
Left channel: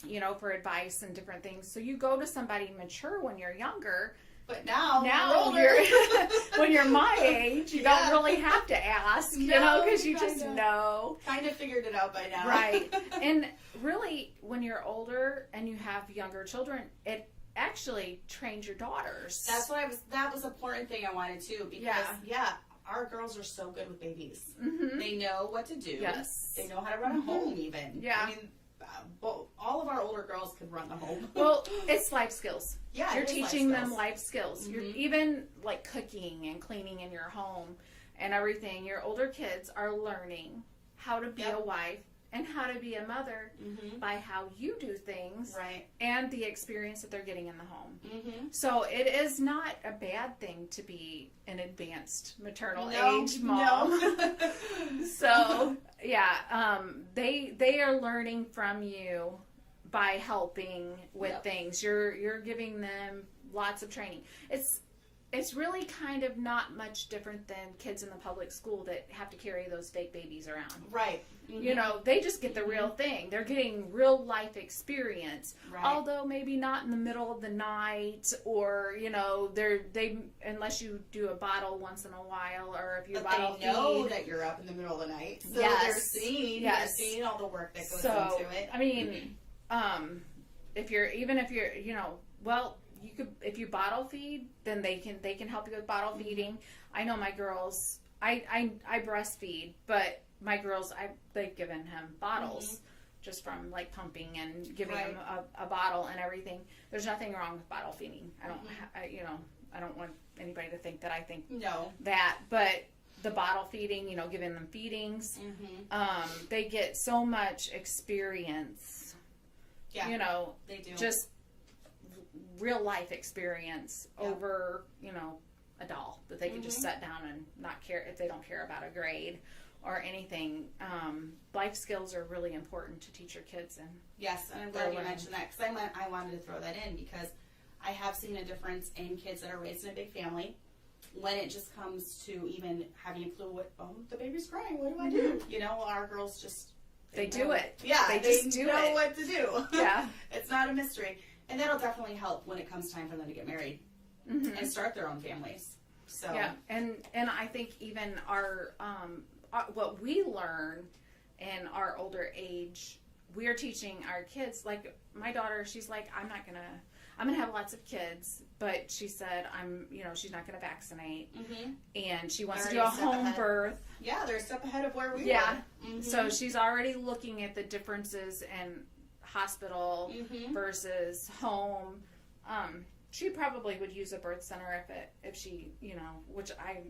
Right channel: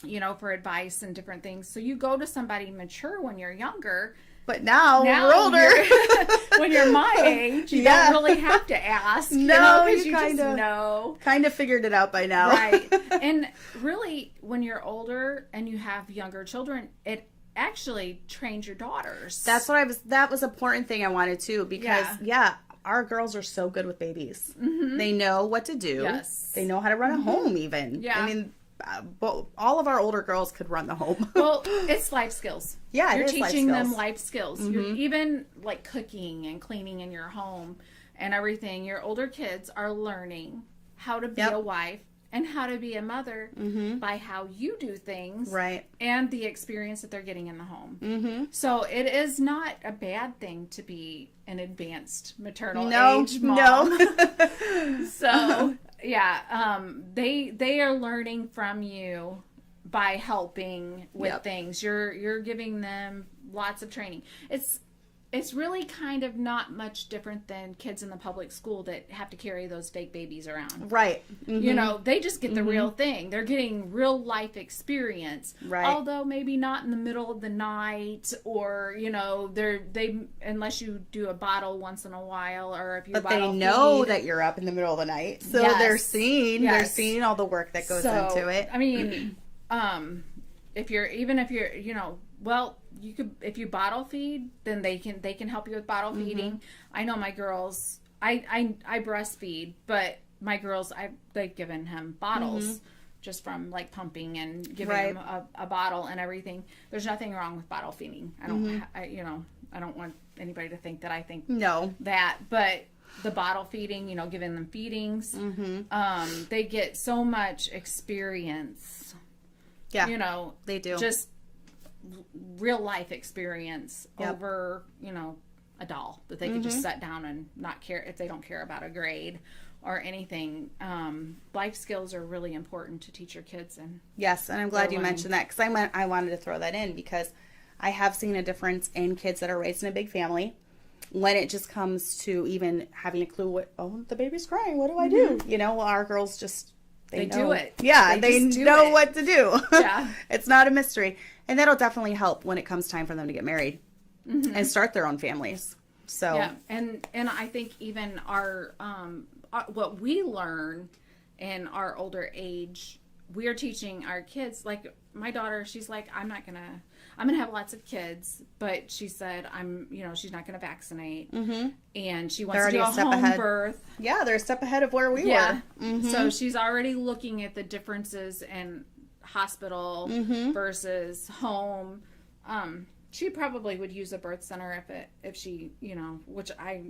you know, for advice and different things. So you go to somebody mature when you're younger. But now we're older. When you're my age, you don't really have to ask. No, because you just know. Kind of figured it out by now. Right. And really, when you're older and you have younger children, it actually trains your daughters. That was an important thing I wanted to, because our girls are so good with babies. They know what to do. Yes. They know how to run a home even. Yeah. I mean, all of our older girls could run the home. Well, it's life skills. Yeah, You're it is life teaching them skills. life skills. You're even like cooking and cleaning in your home and everything. Your older kids are learning how to be a wife and how to be a mother by how you do things, Right. and the experience that they're getting in the home. So it is not a bad thing to be an advanced maternal age mom. No. So yeah, they are learning from you by helping with things. You're giving them lots of training. It's really kind of not much different than kids in the public school that have to carry those fake babies around. Right. You know, they just get the real thing. They're getting real life experience. Right. Although maybe not in the middle of the night, or, you know, they unless you do a bottle once in a while, or if you But bottle they know feed. that you're up in the middle of the night. So Yes. they're seeing Yes. all the work that goes So, into it. I mean, if you're, you know, well, you could, if you bottle feed, then they can help you with bottle feeding. I know my girls, I breastfeed, but my girls, they've given him bottles just from like pumping and giving Right. him a bottle and everything. There's nothing wrong with bottle feeding. I don't, you know, I don't want anybody to think that I think No. that, but the bottle feeding, you know, giving them feedings, they get so much experience. Yeah. You know, They do. just real life experience Yep. over, you know, a doll that they could just sit down and not care if they don't care about a grade or anything. Life skills are really important to teach your kids. And Yes, and I'm glad They're you learning. mentioned that because I wanted to throw that in because I have seen a difference in kids that are raised in a big family when it just comes to even having a clue the baby's crying. What do I do? You know, our girls just They know. do it. Yeah, They they just do know it. what to do. Yeah. It's not a mystery, and that'll definitely help when it comes time for them to get married and start their own families. So Yeah, and I think even our what we learn in our older age, we are teaching our kids. Like my daughter, she's like, I'm gonna have lots of kids, but she said she's not gonna vaccinate, and she wants to They're do a already a step home ahead. birth. yeah, they're a step ahead of where we Yeah, were. so she's already looking at the differences in hospital versus home. She probably would use a birth center if she, you know, which I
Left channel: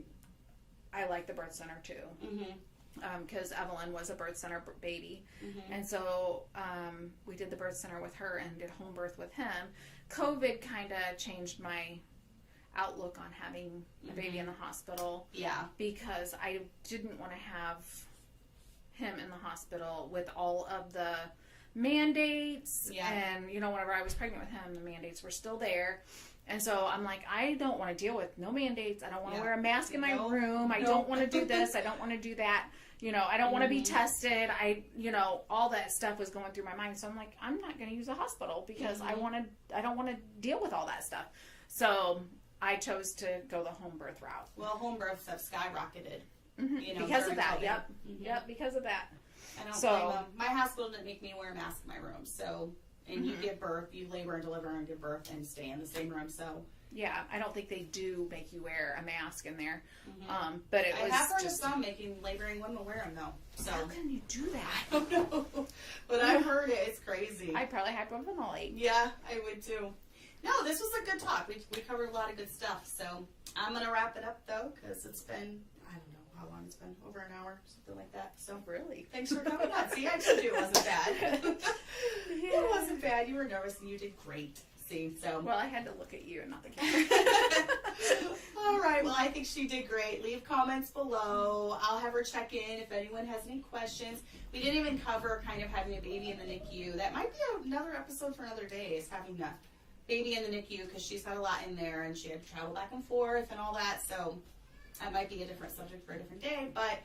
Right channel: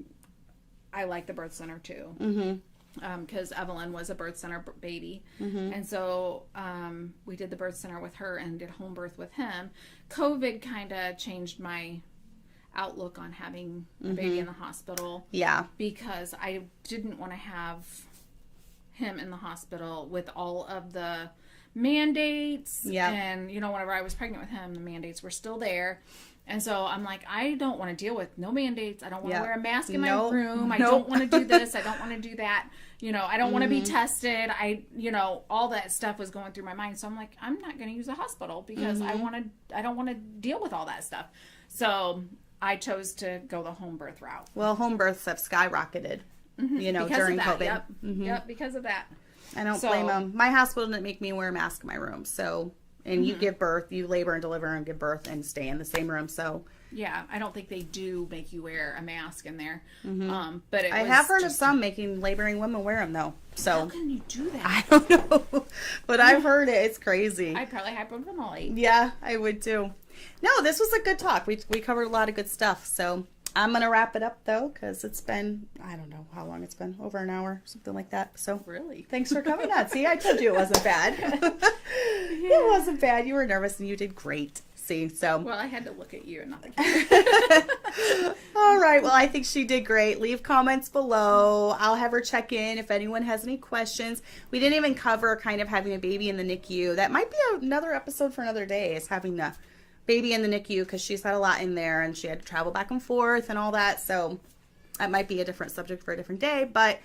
like the birth center too. Because Evelyn was a birth center baby, and so we did the birth center with her and did home birth with him. COVID kind of changed my outlook on having a baby in the hospital. Yeah. Because I didn't want to have him in the hospital with all of the mandates. Yeah. And, you know, whenever I was pregnant with him, the mandates were still there. And so I'm like, I don't want to deal with no mandates. I don't want to wear a mask in my room. I don't want to do this. I don't want to do that. You know, I don't want to be tested. All that stuff was going through my mind. So I'm like, I'm not going to use a hospital because I don't want to deal with all that stuff. So I chose to go the home birth route. Well, home births have skyrocketed, you know, Because during of that, COVID. Yep, because of that. I don't So- blame them. My hospital didn't make me wear a mask in my room. So, and you give birth, you labor and deliver and give birth and stay in the same room. So, Yeah, I don't think they do make you wear a mask in there. But I have heard of some making laboring women wear them though. How So, can you do that? I don't know. But I've heard it. It's crazy. I'd probably hyperventilate. Yeah, I would too. No, this was a good talk. We covered a lot of good stuff. So I'm going to wrap it up though, because it's been, I don't know how long it's been, over an hour, something like that. So Really? thanks for coming on. See, I told you it wasn't bad. It wasn't bad. You were nervous and you did great. See, so. Well, I had to look at you and not the camera. All right. Well, I think she did great. Leave comments below. I'll have her check in if anyone has any questions. We didn't even cover kind of having a baby in the NICU. That might be another episode for another day, is having the baby in the NICU, because she's had a lot in there and she had to travel back and forth and all that. So that might be a different subject for a different day. But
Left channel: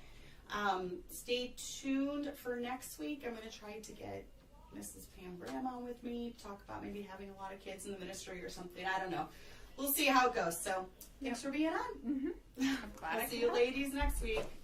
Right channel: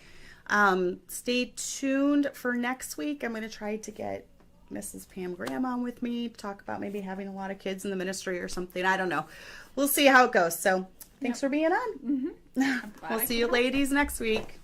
stay tuned for next week. I'm going to try to get Mrs. Pam Graham on with me to talk about maybe having a lot of kids in the ministry or something. I don't know. We'll see how it goes. So thanks for being on. We'll see you ladies next week.